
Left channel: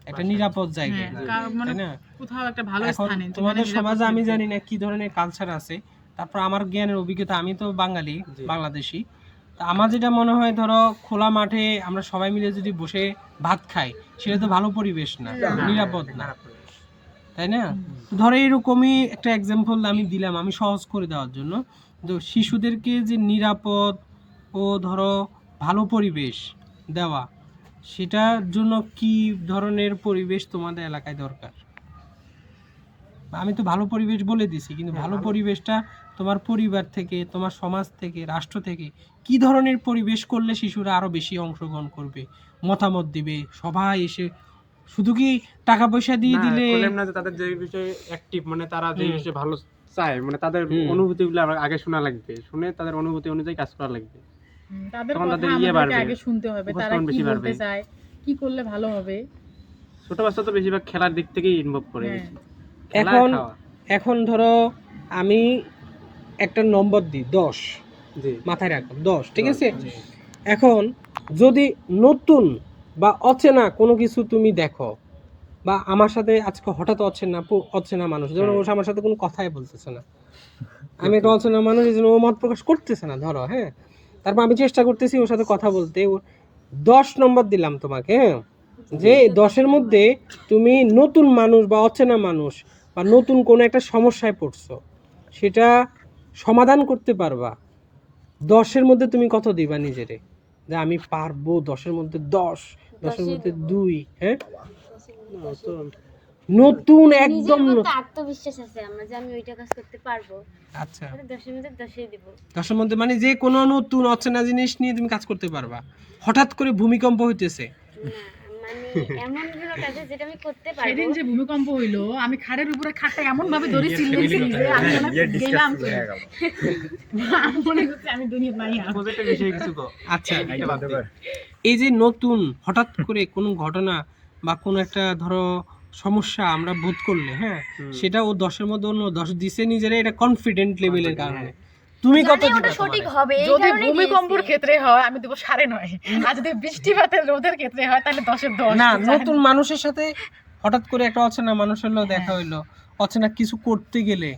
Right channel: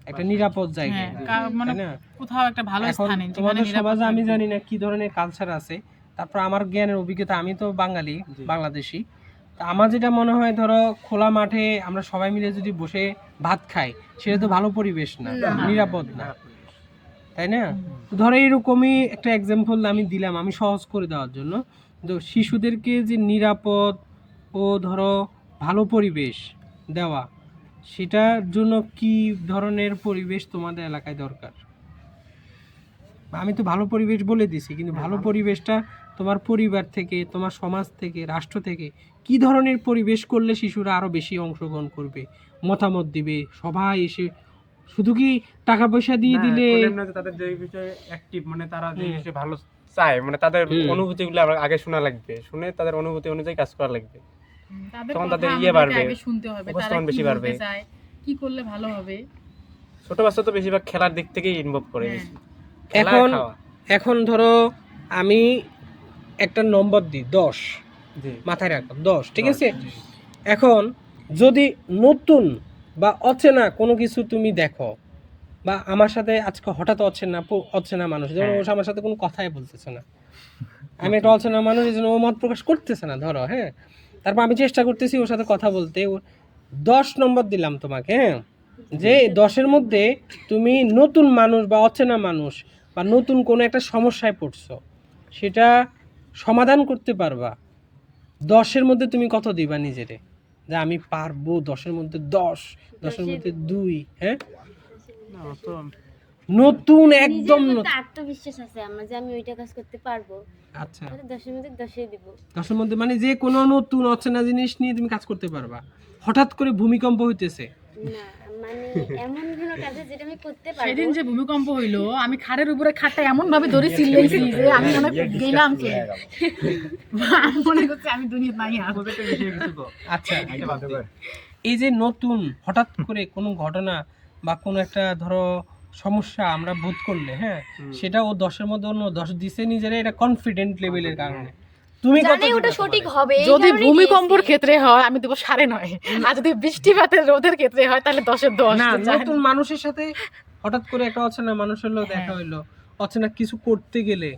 একটা নিরাপদ জায়গায়, তাই না? কোথাও একটা ভালো এখন স্থানে। তোমাদের সমাজে আমি জানি না কি ধরনের কালচার আছে, তারপর আমার জ্ঞানের অভিজ্ঞতা, আমি তো বাঙালি, বাংলাদেশি, তা আমার যেটা মনে হয়, ধরো খোলা মাঠে আমরা সবাই মিলে যদি বসে ভাত খাই, সেটা তো ভালো পরিবেশ না, নিরাপদ না, তাই না? তো ধরো এরকমই একটা এক্সাম্পল আমি দিলাম, আমি সহজ করে দেওয়ার জন্য। তো শিশুদেরকে যে নিরাপদ ও ধরো ভালো পরিবেশ দেওয়া, সেটার জন্য কি ধরনের পরিবেশ তোমাদের এলাকায় দরকার? আমি তো ভালো পরিবেশ বলে দিছি, কিন্তু ভালো পরিবেশটা তোমার পরিবার থেকে, তোমার সমাজ থেকে, রাষ্ট্র থেকে কি ধরনের পরিবেশ করলে শিশুরা আরো বেশি অংশগ্রহণ করবে, মতামত দিবে, সবাই এসে, শুধু কি টাকা পয়সা দিয়ে দিলে তাদের যে বিষয়ে অ্যাক্টিভ, মানে তারা যে বিষয়ে ভালো চায়, মানে তাদের অনুভূতিগুলো আগে শোনা লাগবে, শুনে তাদের অনুভূতি অনুযায়ী কাজ করা লাগবে, তাদের কথা আমাদেরকে আগে শুনতে হবে, তারা কি বলতে চায়, কি করলে ভালো হবে। ছোট বাচ্চা তো বেশিরভাগ খেলার দিক থেকেই ইনভলভ করে। এখন ধরো আমি একটা নম্বর দিই 10, মাথায় রাখো 10, ঠিক আছে? এখন যদি নতুন বা অচেনা কোনো কিছু তুমি দেখো, বা আমার সাথে আজকে হঠাৎ অচেনা মানুষ, যেমন ও আমার সাথে কোনো কথাই বলতেছে না, আমি একটা অচেনা মানুষ, এই জন্য ও মত প্রকাশ করতেছে না ধরো, হ্যাঁ, তারপর আমি চেষ্টা করতেছি ওর সাথে কথা বলতে, 10 নম্বর দিলাম তোমাকে, হ্যাঁ, যে 10-এর মধ্যে তুমি নতুন মানুষ বা অচেনা মানুষ বা নতুন কোনো একটা সমস্যায় পড়ছো, সেটা সমাধান করতে পারবা, 10-এর মধ্যে তুমি কত দিবা নিজেরে, যে আমি পারবো 10-এর মধ্যে 10-এর মধ্যে 2, হ্যাঁ, নতুন একদম নিজের মধ্যে নতুন। আত্মবিশ্বাস আছে আমার যে আমি ওইটা কাজ করতে পারবো, আচ্ছা, 10-এর মধ্যে 10-ই দিব। 10-এর মধ্যে মানে যে কোনো নতুন অচেনা জিনিস নিয়ে তুমি কাজ করতে পারবা। হঠাৎ করে ভূমিকম্প হইতেছে, না মানে এমন কোনো কাজ আছে যেটা আমি করতে পারবো। সেদিন যে ভূমিকম্প হইলো, আমি খাটের উপরে খাটটা এমন ভাবে ধরে চিল্লাইছি যে আমি মনে দিলাম কি আমি মনে করছি আমি দুনিয়া নাই আর। আচ্ছা, এই যে নতুন হঠাৎ করে কোনো ঘটনা বা কোনো একটা ধরো সমস্যা আমরা বোধ করলে, হ্যাঁ, সেটা ও 10-এর মধ্যে অন্য 10 দিছে নিজেরা, এটা কনফিডেন্ট লেভেলের কারণে। তুমি কত জানি দিবা ওটা সঠিক তোমারে? হবে, এই যদি কারণেই ভূমিকম্পর দিয়েছি। ক্ষেত্রে হয় আমি দেবো 9.5, আর যদি বৃষ্টিপাতের রোদের ক্ষেত্রে হয় তাহলে 10-এর 10। না, নতুন মানুষের সাথে হঠাৎ করে একটা অচেনা মানুষের লোক দেখা হইলো, অচেনা কিছু করতে গেলে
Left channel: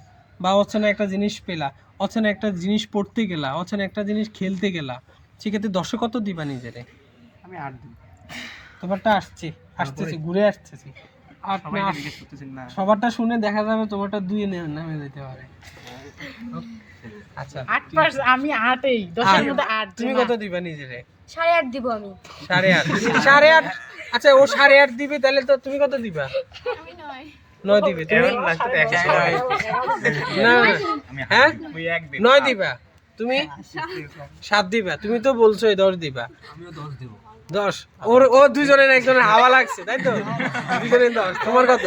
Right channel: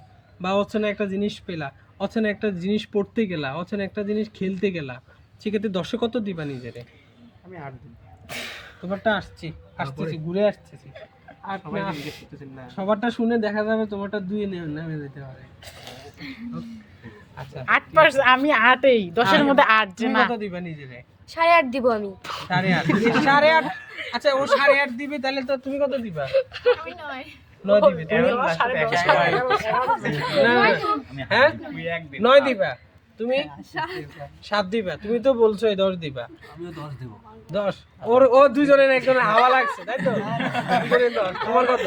বা অচেনা একটা জিনিস পেলা, অচেনা একটা জিনিস পড়তে গেলা, অচেনা একটা জিনিস খেলতে গেলা, সেক্ষেত্রে 10-এ কত দিবা নিজেরে? আমি 8 দিন। তোমারটা আসতেছি ঘুরে আসতেছি, সবারটা শুনে দেখা যাবে তোমারটা 2-এ নামে যেতে পারে। আচ্ছা, 8%, আমি 8এই, 10-এর মধ্যে 8। তুমি কত দিবা নিজেরে? 8.5 দিব আমি। 8.5। আচ্ছা, ও 8.5 দিবে, তাহলে তো তুমি কত দিবা? 9 দিবে তুমি? না, হ্যাঁ, 9 দিবা তুমি, 7 দিবা তুমি, তো বলছোই 10 দিবা। 10 ও দুজনের একজনের হাওয়া লাগছে, তাই তো? দুজনের 10। তোমার কত?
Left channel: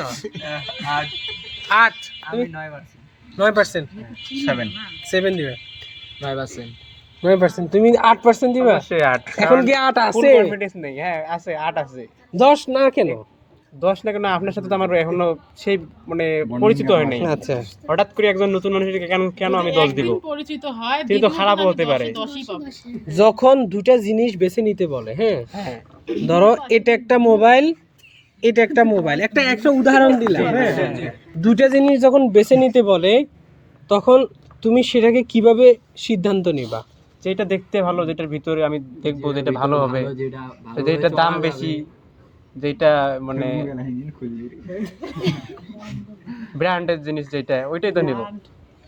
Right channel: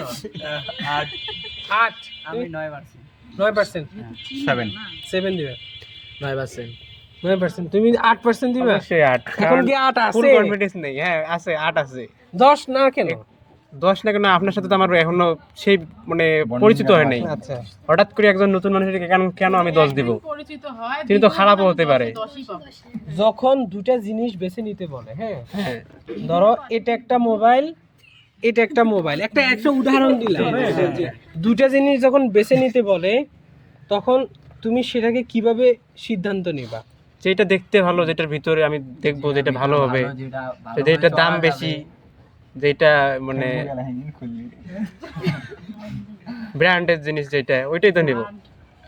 8। আমি 9%। 9%, 7 দিবা। 9%। 9%, তুমি 8% দিবা? অবশ্যই 8। এখন কি 8 ফুল আছে? কনফিডেন্স নেই, হ্যাঁ আছে, 8 আছে। 10 না কেন? 10 না কেন, আপনার সাথে তো আমার এখনো সেই মানে পরিচিত হয় নাই। আচ্ছা, হঠাৎ করে একজন নতুন মানুষের কেন আমি 10 দিব? পরিচিত হয়, কিন্তু তো খারাপও হতে পারে। 10ই পাবে। যখন দুটা জিনিস বেছে নিতে বলে, হ্যাঁ, হ্যাঁ, ধরো এটা একটা মোবাইল, এটা একটা মোবাইল, একটা উদাহরণ দিলাম, হ্যাঁ, দুটা জিনিস যখন বেছে নিতে বলে, তখন তুমি সেটাকে কিভাবে সিদ্ধান্ত নিবা? যেটা দেখতে ভালো, যেটার ভিতরে আমি দেখবো যেটা ভালো হবে, যেটা দাম বেশি, যেটা মানে ব্র্যান্ডের জিনিস যেটা, ওইটাই তো নিব।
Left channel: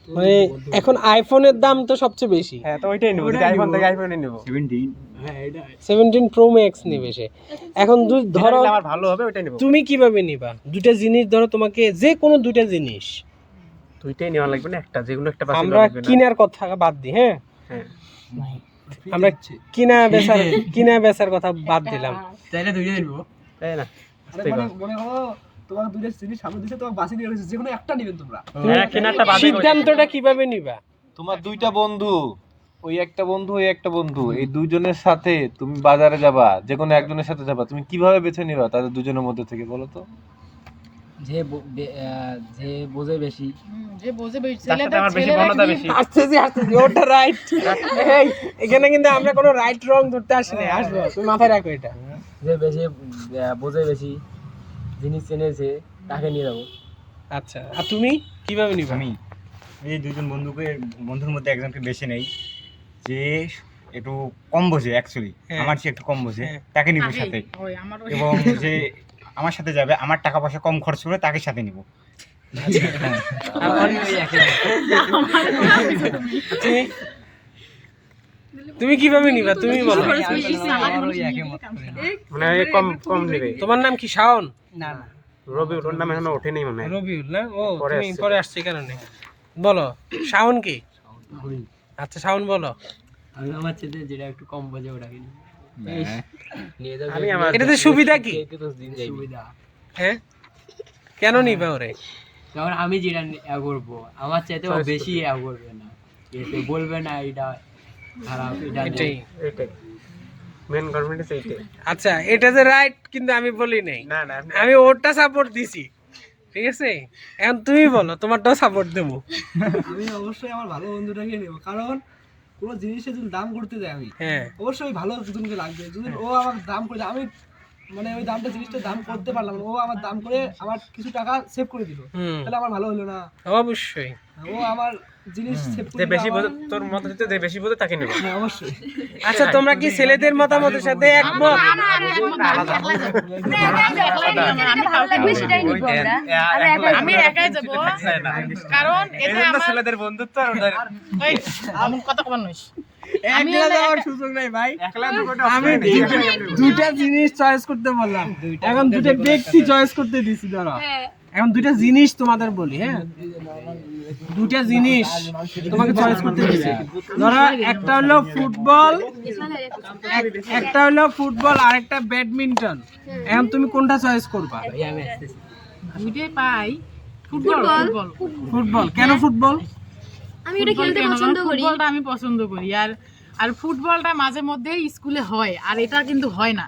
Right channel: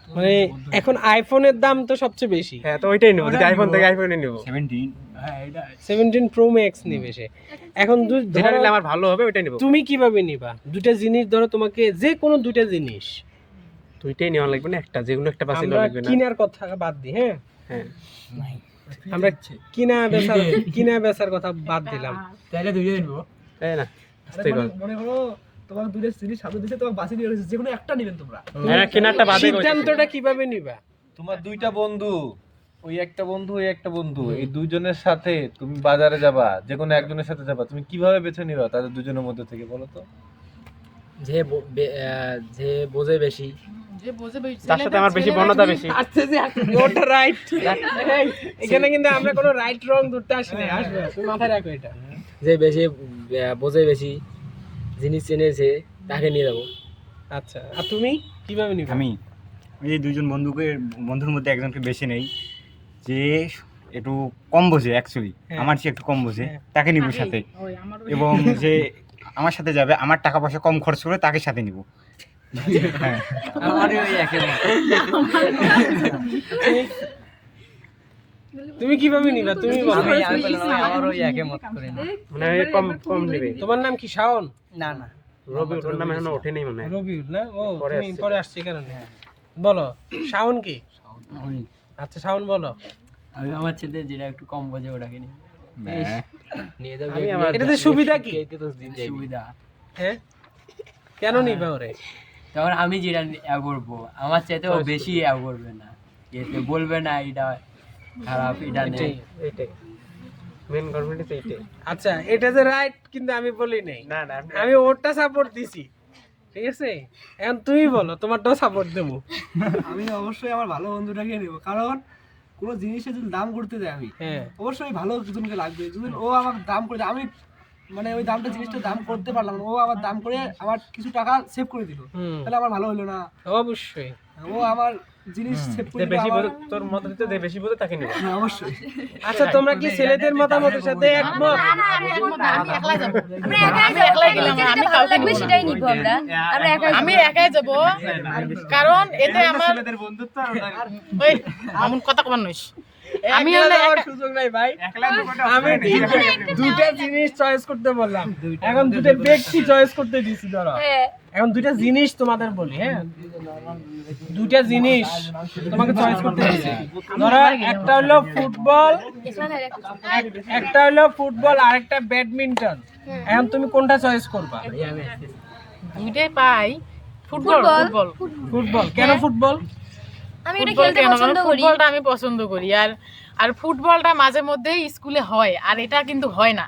মানে এখন আইফোনের দাম তো সবচেয়ে বেশি, হ্যাঁ, তো ওইটাই নেব, যেটা আইফোন থেকে আইফোনই নেব। 17 প্রো ম্যাক্স নেবে সে। এখন যেটা ধরো নিলে আমার ভালো হবে ওইটাই নেব। তুমি কিভাবে নিবা? দুটা জিনিস ধরো, তোমাকে যে কোনো দুটা জিনিস, দুইটাই নেওয়া লাগবে না, একটা যেগুলো একটা বাছাই আমরা করা লাগবে না। কিনার কথা বাদ দিই, হ্যাঁ, হ্যাঁ, আমরা কিনা বেচার কথা বাদ দিলাম, তাইলে 2ই দিব। তাই না? মনে করো তোমার দুইটা জিনিস সামনে দিচ্ছে, তোমার বাসে নিয়ে রয়েছে, যে কোনো একটা নেবেন তোমরা। হ্যাঁ, কেনারটা বাদে সিদ্ধান্তটা কিভাবে নিবা? তোমার 2টা বন্ধু, ওই একটা বন্ধু, ওই একটা বন্ধু, এই দুজনের সাথে তুমি বাজারে যাবা, যে কোনো একজনের সাথে যাবা, তুমি কিভাবে বেছে নিবা তাদের দুজনের মধ্যে থেকে, বলো তো? যে বোঝে বেশি, যে বোঝে বেশি, তার সাথে আমার বেশি বর্ণতা বেশি। আসতেছি, ওটা রাইট। এখানে কিন্তু আমরা কোনো রাইট রং ধরতে আসি না, আসবো, তুমি মাথায় রাখো এটা। যে বেশি বোঝে বেশি, জিনিস চেনেছে, তাকে নিয়ে যাবো। আচ্ছা, আর তুমি কিভাবে নিবে? আমি এই দুইজন বন্ধুর মধ্যে একজনকে বেছে নেই, যে একটু কম বোঝে, অ্যাকচুয়ালি আমার চেয়ে একটু কম বোঝে, তাকে নিব সাথে। এবং যে আমার সাথে যাবে, আমার টাকা পয়সা কম খরচ করে তাকে সাথে নিব। তুমি কিভাবে নিবা? তুমি বলো। মানে এই কম নেবে। তোমার নাম কি? শাওন? না না, রবি, ওর নাম এখনো ওঠেনি মনে হয়। রবিউল না? ও, পরে তুমি আসছে। পরে আসছে কারণে। বলো, শাওন কি? আচ্ছা, শাওন বলো। আমি আমার ছেলে যেটা একটু কম বোঝে ওটাকে নিয়ে যাবে। এটাতে সুবিধা কি? সুবিধা, হ্যাঁ, কেন নিবে ওরে? কারণ আমি যেটা করবো, আমার চাইতে ও বেশি করবে না, এতে বলবে না এটা খারাপ, এটা নেই। এইটাই মেন কনফিডেন্স, এইটাই। আচ্ছা, এটা যে রাইট, কিন্তু আমি বলি নাই, না না, আমি ওরটা সাপোর্ট দিছি, ঠিক আছে? এখন তুমি বলো, তোমারটাও সাপোর্ট দেবো। আমি অবশ্যই আমার ভালো বন্ধুটাকে নেবো, কারণ কোনো জিনিসের যদি দাম করতে যাই আমি, হ্যাঁ, অবশ্যই ভালো দুজনকে লাগবে। যদি ও আমার দাম করে, আমি মানে ওই দামটা জিনিসটা দাম করতে পারলাম না, ও আমার দাম করে আমার কিছু টাকা সেভ করে দিল, তাহলে আমার ভালো হলো না? অবশ্যই। ও আমার জিনিস সেভ করে যে দিল, বেশি আমার- তোর মত হচ্ছে যে বেশি বোঝে তাকে নিবে। হ্যাঁ, অবশ্যই। আচ্ছা তোমরা কি ছেলেদের মতামতের সাথে একমত? আমি একমত না, আমি একলাই যাবো। আমি একলাই গেলাম, আমি কাউকে নিবো না। সেটাই নিবো আমরা। আমি একাই যাব, কারণ এতে আমার ছেলেদের বন্ধুত্ব আর ওদের ওই এমন কথা কবার নইস। আমি একলা যাওয়ার সুযোগ নাই ভাই। আমি দুটা জিনিস চয়েস করতে বললাম, এখন দুটা ব্যক্তি চয়েস করতে দিছি। ধরো এখন দুইটা জিনিস তোমাদের বলি, হ্যাঁ দুটা জিনিস তোমাকে চয়েস করতে দিছি। ধরো একটা হলো ফুটবল, একটা হলো ফুটবল আর একটা ব্যাডমিন্টন। এখন তুমি কোনটা চয়েস করবা? দুইটাই পাই। Football, football, football. কেন ফুটবল? আমি এটা খেলতে পছন্দ করি। ফুটবলটা আমি পছন্দ করি, আর ফুটবলটা মাঝে মধ্যে স্কুলে হয়, আর এটা কিন্তু হয় না।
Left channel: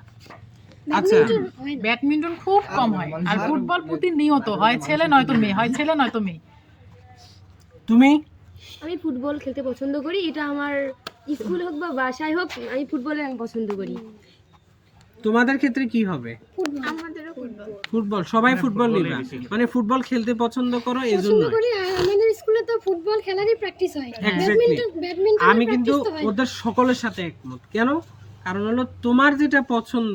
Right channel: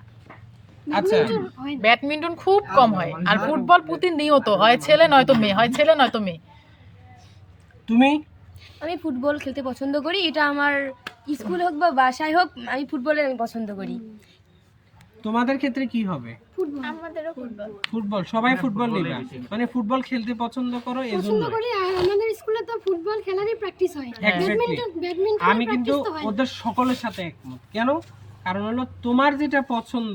আচ্ছা ব্যাডমিন্টন খুব কম হয়, আর ফুটবল প্রতিনিয়ত হয়, ছেলে নয়তো মেয়ে, হয় ছেলে নয়তো মেয়ে। তুমি? আমি ফুটবল খেলতে পছন্দ করি, এটা আমার স্কুল হোক বা বাসায় হোক, আমি ফুটবলে আমি পছন্দ করি। তোমাদের ক্ষেত্রে কি হবে? আমাদেরও ফুটবল। ফুটবল, সবাই ফুটবল নিবা, মানে ফুটবল খেলতে পছন্দ করো পছন্দ এজন্য। করি। আর আমাদের স্কুলে তো ফুটবল খেলারই প্র্যাকটিস হয়, ব্যাডমিন্টন আমি কিন্তু ওদের সকলের সাথে একমত। কেন? কারণ হলো তোমার যেটা পছন্দ,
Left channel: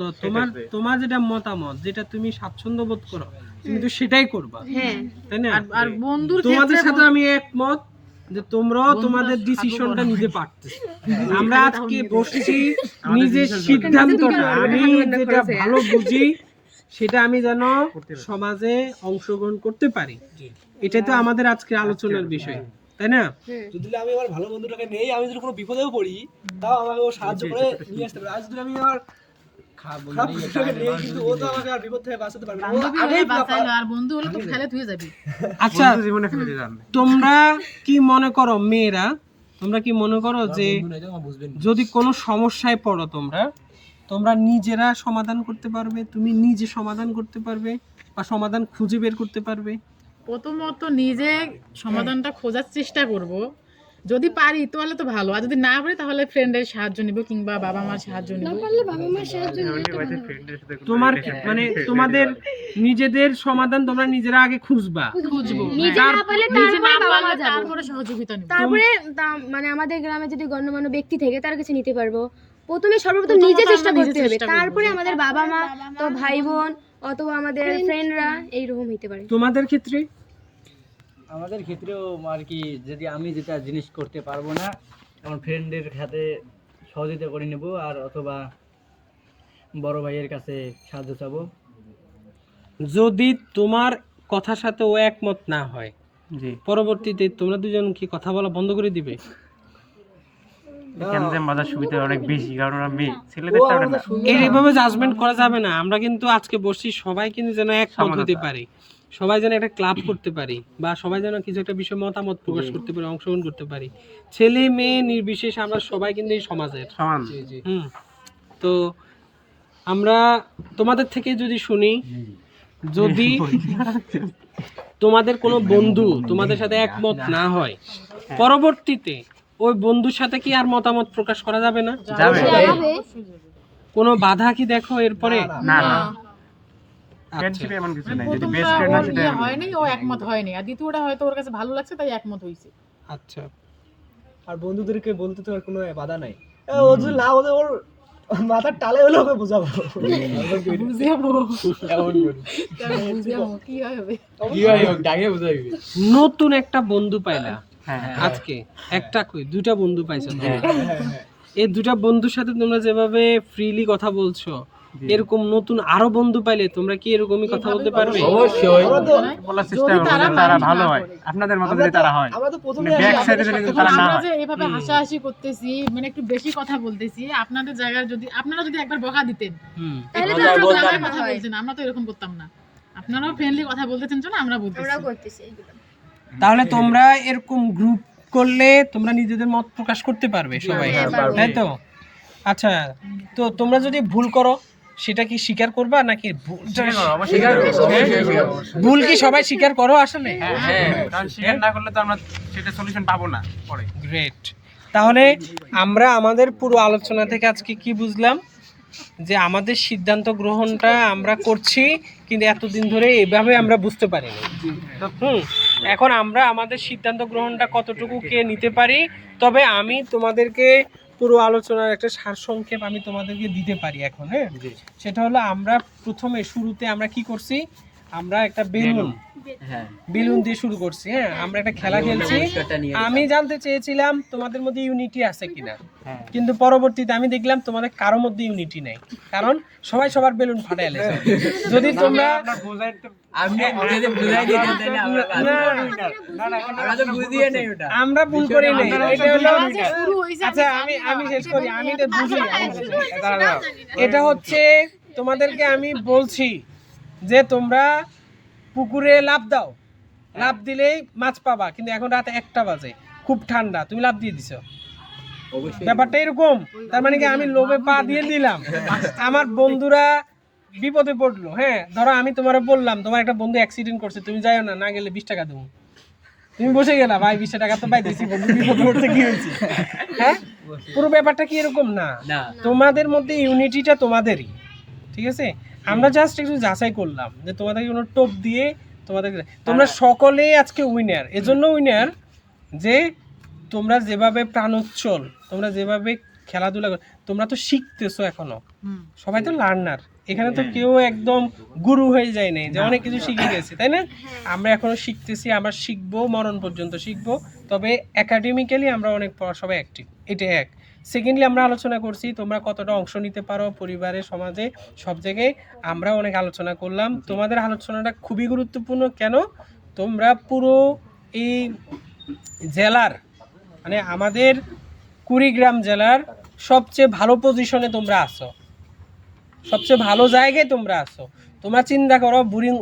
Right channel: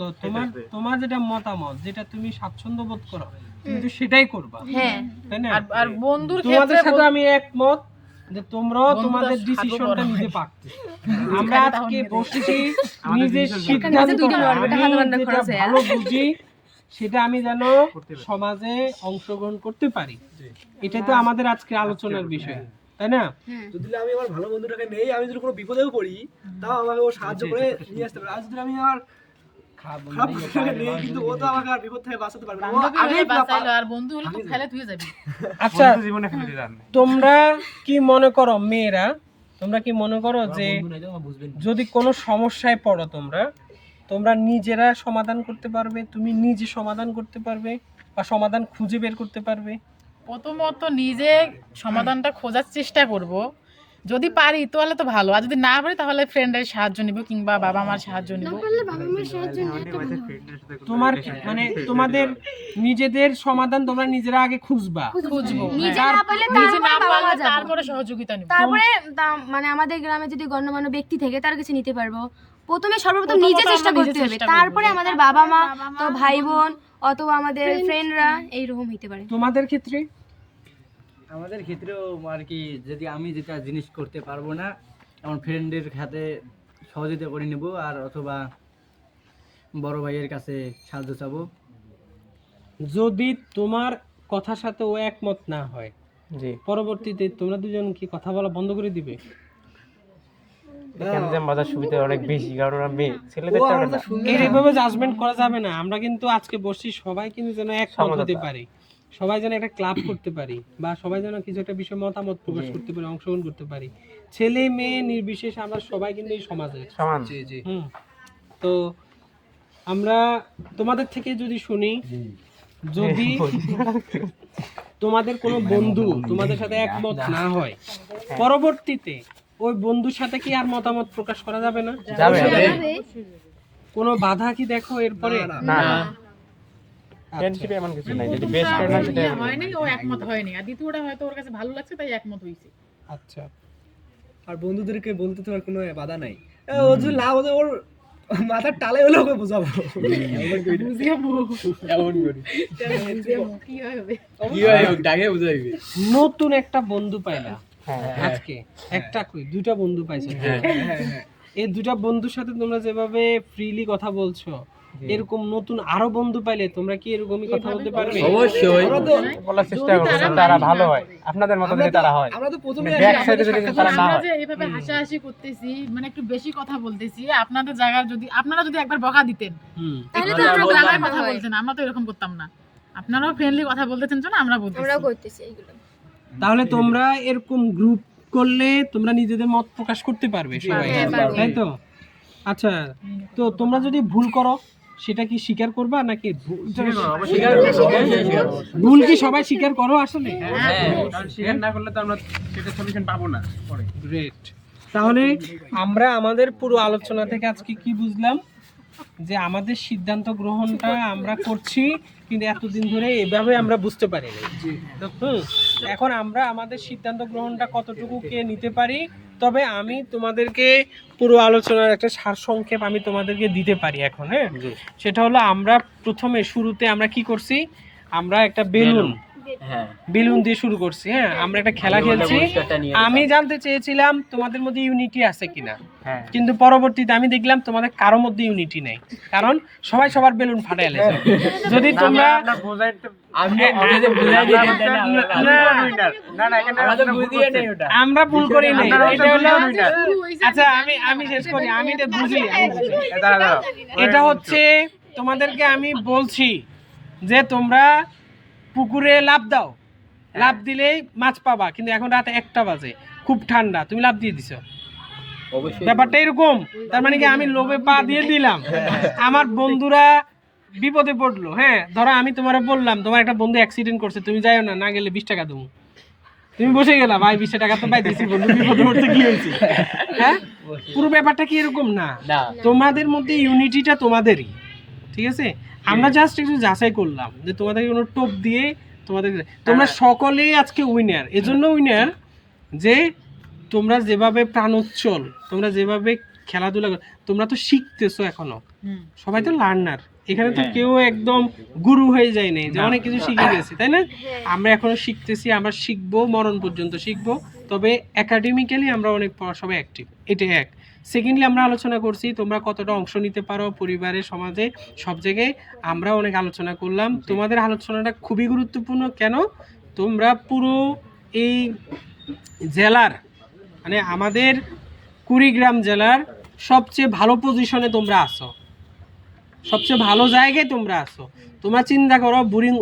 তোমার যেটা মতামত, যেটা তুমি স্বাচ্ছন্দ্য বোধ করো, তুমি তো সেটাই করবা, হ্যাঁ তাই না? আর বন্ধুর তোমাদের ক্ষেত্রে সাথে আমি একমত যে তোমরাও তোমাদের ডিসিশনটা নিতে পারছো। আমরা আজকে বসছি নিজের সিদ্ধান্তটা, আমি যেটা ভালো বুঝি সেটা আমি যেন সমাজে অংশগ্রহণ করতে পারি, এটাই তো আমাদের আজকে আলোচনার বিষয়, তাই না? যদি আমি আমার ভালো বন্ধুটাকে নেই, আমি যদি কোনো বিপদেও পড়ি, তাও আমাকে ও সাহায্য করে নিয়ে আসতে পারবে। আর যদি আমি আমার খারাপ বন্ধুটাকে নেই, কিন্তু ও তো আমাকে আর বিপদ থেকে বাঁচাতে পারবে না। ও বান্ধবী আগেই হলে বাঁচাইলো, আর বন্ধু হলে তো ফেলে তুই যাবি। আচ্ছা জীবনে ফেলে দিলাম। তোমরা কি মনে করো মেয়েরা, তোমরা কি মনে করো যে যদি কোনো সমস্যায় পড়ো তোমরা নিজেরা সমাধান করতে পারবে? তুমি নিজে সমাধান করতে পারবে বা সমাধান খুঁজে বের করতে পারবে? প্রথমত নিজে সমাধানটা খোঁজার চেষ্টা করব, যদি পারি তাহলে তো ভালো, আর যদি না পারি তাহলে ফ্রেন্ডের সাহায্য নিব কিংবা বাবা মার সাহায্য না নিব। পারলে বাবা মার সাহায্য নিতে পারো। তোমার মানে তোমাদের নিজেদের সমাধান তোমরা নিজেরা আগে খুঁজবা, খুঁজবো, নিজে না পারলে নিজে না তারপরে বাবা মা পারলে যাবো। তারপরে সহযোগিতা নিব। তারপরে মানে আমাদের গ্রামে যদি গণ্যমান্য ব্যক্তি থেকে তার কাছে নিতে পারবো। প্রথমে সর্বপ্রথম নিজে চেষ্টা আমরা নিজে করতে হবে, চেষ্টা করবো। তারপরে আমাদের বাবা মা তো ভাই বোন অথবা আমাদের ফ্রেন্ডরা এইরকম হইতে পারে। তোমাদের ক্ষেত্রে? আমাদের ক্ষেত্রেও আর কি, যদি আমি যেটা জিনিস করতে পারবো না, আমার ফ্রেন্ডের হাতে সহযোগিতা করে নেব, আর অথবা বড় ভাইয়ের কাছে সাহায্য চাবো। যদি তোমার কথার সাথে ও একমত না হয়, জি, পরবর্তীতে তোমরা দুজন কি কথা বলা বন্ধ করে দিবে? এখানে যে মজার সুবিধা অনেক বেশি, কারণ ওরা মেয়ে, ছেলেদেরটা ওটা না। এইভাবে জাজমেন্ট করা যাবে না। আমরা কিন্তু আজকে বসছি সবাই কিন্তু যেন একমত হতে পারি, সবাই যেন একটা ক্লাব করতে পারি, বা সবাই যেন কিছু একটা বিষয়ে মতামত প্রকাশ করতে পারি, অংশগ্রহণ করতে পারি। ছেলে মেয়ে নির্বিশেষে আমরা সবাই কিন্তু এই সমাজের সমান। তো আমরা তোমাদের থেকে যদি শুনি, যদি তোমাদের কোনো বন্ধু তোমাদের সাথে একমত না হয়, পরবর্তীতে ওই বন্ধুর সাথে কি আর মতামত প্রকাশ করা যাবে না? যাবে। কোনো বাধা কি দেখো এরপরে? না না, ফ্রেন্ডশিপে এমন কিছু নাই, যদি বেস্ট ফ্রেন্ড হয় সেটা হয়নি, ও একমত হয়নি, আর দ্বিতীয়টা হয়তো ওর কাছে ভালো লাগছে তাই একমত হইছে। আচ্ছা, আর বন্ধুদেরকে বলতে তো আর কোনো বাধা নাই। ও যদি না বলে, ওর মাথার টালে হলে ওকে বোঝাবো। নতুন একটা বন্ধু পাইলা হ্যাঁ। আজকে, একটা কই দুইটা বন্ধু পাইছো, এই দুটা বন্ধুর সাথে তোমরা যেভাবে ফ্রিলি কথা বলছো, এরকম নতুন আরো বন্ধু পাইলে তোমরা কি এরকমই কথা বলতে পারবে? অবশ্যই। বলার চেষ্টা করবো যেন তারা ভালো হয়, আপনাদের মতো যদি তারা হয়। আমরা তো প্রথমে ব্যাক সাইডে যদি তারা না আমরা হয়। যে এভাবে হাসাহাসি করতেছি, মানে একটু বেশি কথা বলতেছি, আপনাদের জায়গায় যদি আপনারা যদি একবার বকা দিতেন তাহলে একটু তো আমরা গ্রামের বলতাম কথা না। বলতেন, আমরা তো এরকম করতাম না। আপনারাও ফ্রেন্ডলি কথা বলতেছেন জন্য আমরা বলতেছি। আমরাও করতেছি এগুলো। তাহলে তোমরা এরকম গ্রুপ করলে তোমরা নিজেদের মত প্রকাশ করতে পারবে সবাই, তাই তো? আচ্ছা, তো তোমরা যদি ভুল করো সেটা কি স্বীকার করবা নাকি ভুল কি সবাই স্বীকার করো আসলে? কারণ স্বীকার না করলে তো আমরা সেটা সলিউশন পাবো না পরে। গ্রেট। তাহলে আমরা আমাদের পুরো আলোচনা থেকে আজকে কি বুঝলাম যে আমাদের সিদ্ধান্ত গ্রহণটা আমরা করছি, কিন্তু এতদিন ধরে এভাবে আমরা বুঝতে পারিনি। এখন আমরা আমাদের সিদ্ধান্ত গ্রহণটা কতটুকু কে নিতে পারি, তবে আমি তোমাদেরকে পুরো আলোচনার একটা সারসংক্ষেপ আমি তোমাদেরকে দিতে পারি এখন। হ্যাঁ, সেটা হলো আমরা প্রথমে শুরুতে আমরা কি করছি, আমরা একটা বেলুন দিয়ে শুরু করছি। হ্যাঁ, আমরা একটা খেলা খেলছি। আমি জানতে চেয়েছিলাম তোমাদের মধ্যে ইউনিটি আছে কিনা, কিন্তু পরবর্তীতে আমি দেখলাম তোমাদের কারো মধ্যে ইউনিটি নেই, কারণ সবাই সবার বেলুন ফাটাইলে। যদি তোমরা আমরা ভুল করি নাই, এটা হলো আচ্ছা আমি শেষ করি, আমি এটা বুঝি। এটা হচ্ছে তোমাদেরকে আমি বলছি যে তোমরা পুকুরে লাফ দাও, লাফ দিলেই মাছ পাবা, কিন্তু এখন রাত 1টা বাজে, খুব ঠান্ডা, তুমি লাফ দিয়ে দিছো, ব্যাপারটা এরকম। তার মানে কি আমি লোভে পা দিয়ে দিলাম, আমার বন্ধুরা বিপদে পড়লো। হ্যাঁ, ধরো আমি তোমার বললাম তোমার একটা বন্ধু অ্যাক্সিডেন্ট করছে, তুমি যাইও না, না গেলে 20 টাকা দেবো, তুমি বসে গেলা, ভাই 20 টাকা তো পাই দিয়েছি, বন্ধু বিপদে পড়তে কি হয়েছে? হ্যাঁ, পুরো ব্যাপারটা কি এরকম না, তোমাদের মধ্যে ইউনিটিটা তোমাদেরই, ঠিক আছে? আমরা জাস্ট একটু যাচাই করলাম যে তোমাদের কোনো টোপ দিয়ে তোমাদের, তোমরা সকলেই আজকে উইনার। এজন্য উইনার যে তোমরা যেভাবে প্রাণোচ্ছল, তোমরা যেভাবে খেলাধুলা, তোমরা তো শিখতেছো এখনো, সবাই তো লার্নার, এখানে তো কেউ একদম গুরু হয়ে যায় নাই যে অনেক কিছু শিখে গেছি, তাই না? আমরা এখনো শিখতেছি, আমরা শিখবো, মরণ পর্যন্ত শিখবো, তবে একাডেমিক্যালি আমরা অনেক সবাই অ্যাক্টিভ, এটা এক। সেকেন্ডলি আমরা আলোচনা করছি তোমরা কতটা অংশ নিতে পারো পরিবারে, সমাজে, সব জায়গায় আমরা অনেক আলোচনা করলাম। তোমাদের আলোচনাটা খুবই গুরুত্বপূর্ণ। কেন? তোমরা পুরো এই জেলার, মানে আমাদের কুড়িগ্রাম জেলার সবচেয়ে ভালো পজিশনে তোমরা আসো, সবচেয়ে ভালো জায়গায় তোমরা আসো। তোমরা চিন্তা করো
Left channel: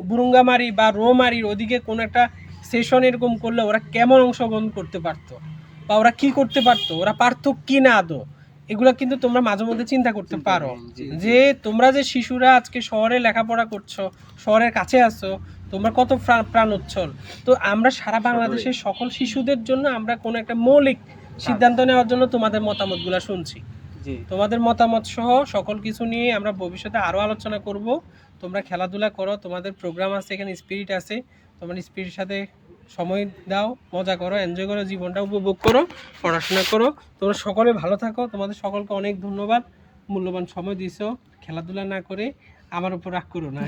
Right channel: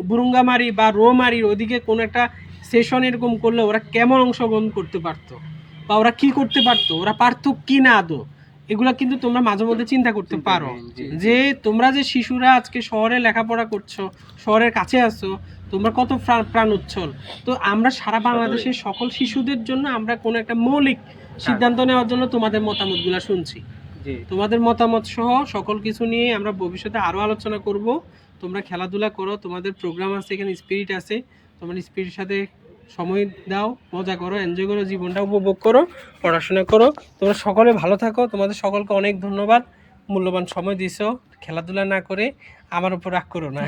বুরুঙ্গামারি বা রোমারির ওদিকে কোনো একটা সেশন এরকম করলে ওরা কেমন অংশগ্রহণ করতে পারতো, বা ওরা কি করতে পারতো, ওরা পারতো কি না আদৌ, এগুলো কিন্তু তোমরা মাঝে মধ্যে চিন্তা করতে পারো যে তোমরা যে শিশুরা আজকে শহরে লেখাপড়া করছো, শহরের কাছে আসো, তোমরা কত প্রাণ উচ্ছল। তো আমরা সারা বাংলাদেশের সকল শিশুদের জন্য আমরা কোনো একটা মৌলিক সিদ্ধান্ত নেওয়ার জন্য তোমাদের মতামতগুলো শুনছি। তোমাদের মতামত সহ সকল কিছু নিয়ে আমরা ভবিষ্যতে আরও আলোচনা করব। তোমরা খেলাধুলা করো, তোমাদের প্রোগ্রাম আছে, এখানে স্পিরিট আছে, তোমার স্পিরিটের সাথে সময় দাও, মজা করো, এনজয় করো, জীবনটা উপভোগ করো, পড়াশোনা করো। তোমরা সকলে ভালো থাকো। তোমাদের সকলকে অনেক ধন্যবাদ, মূল্যবান সময় দিছো। খেলাধুলা না করে আমার উপর রাগ করো না।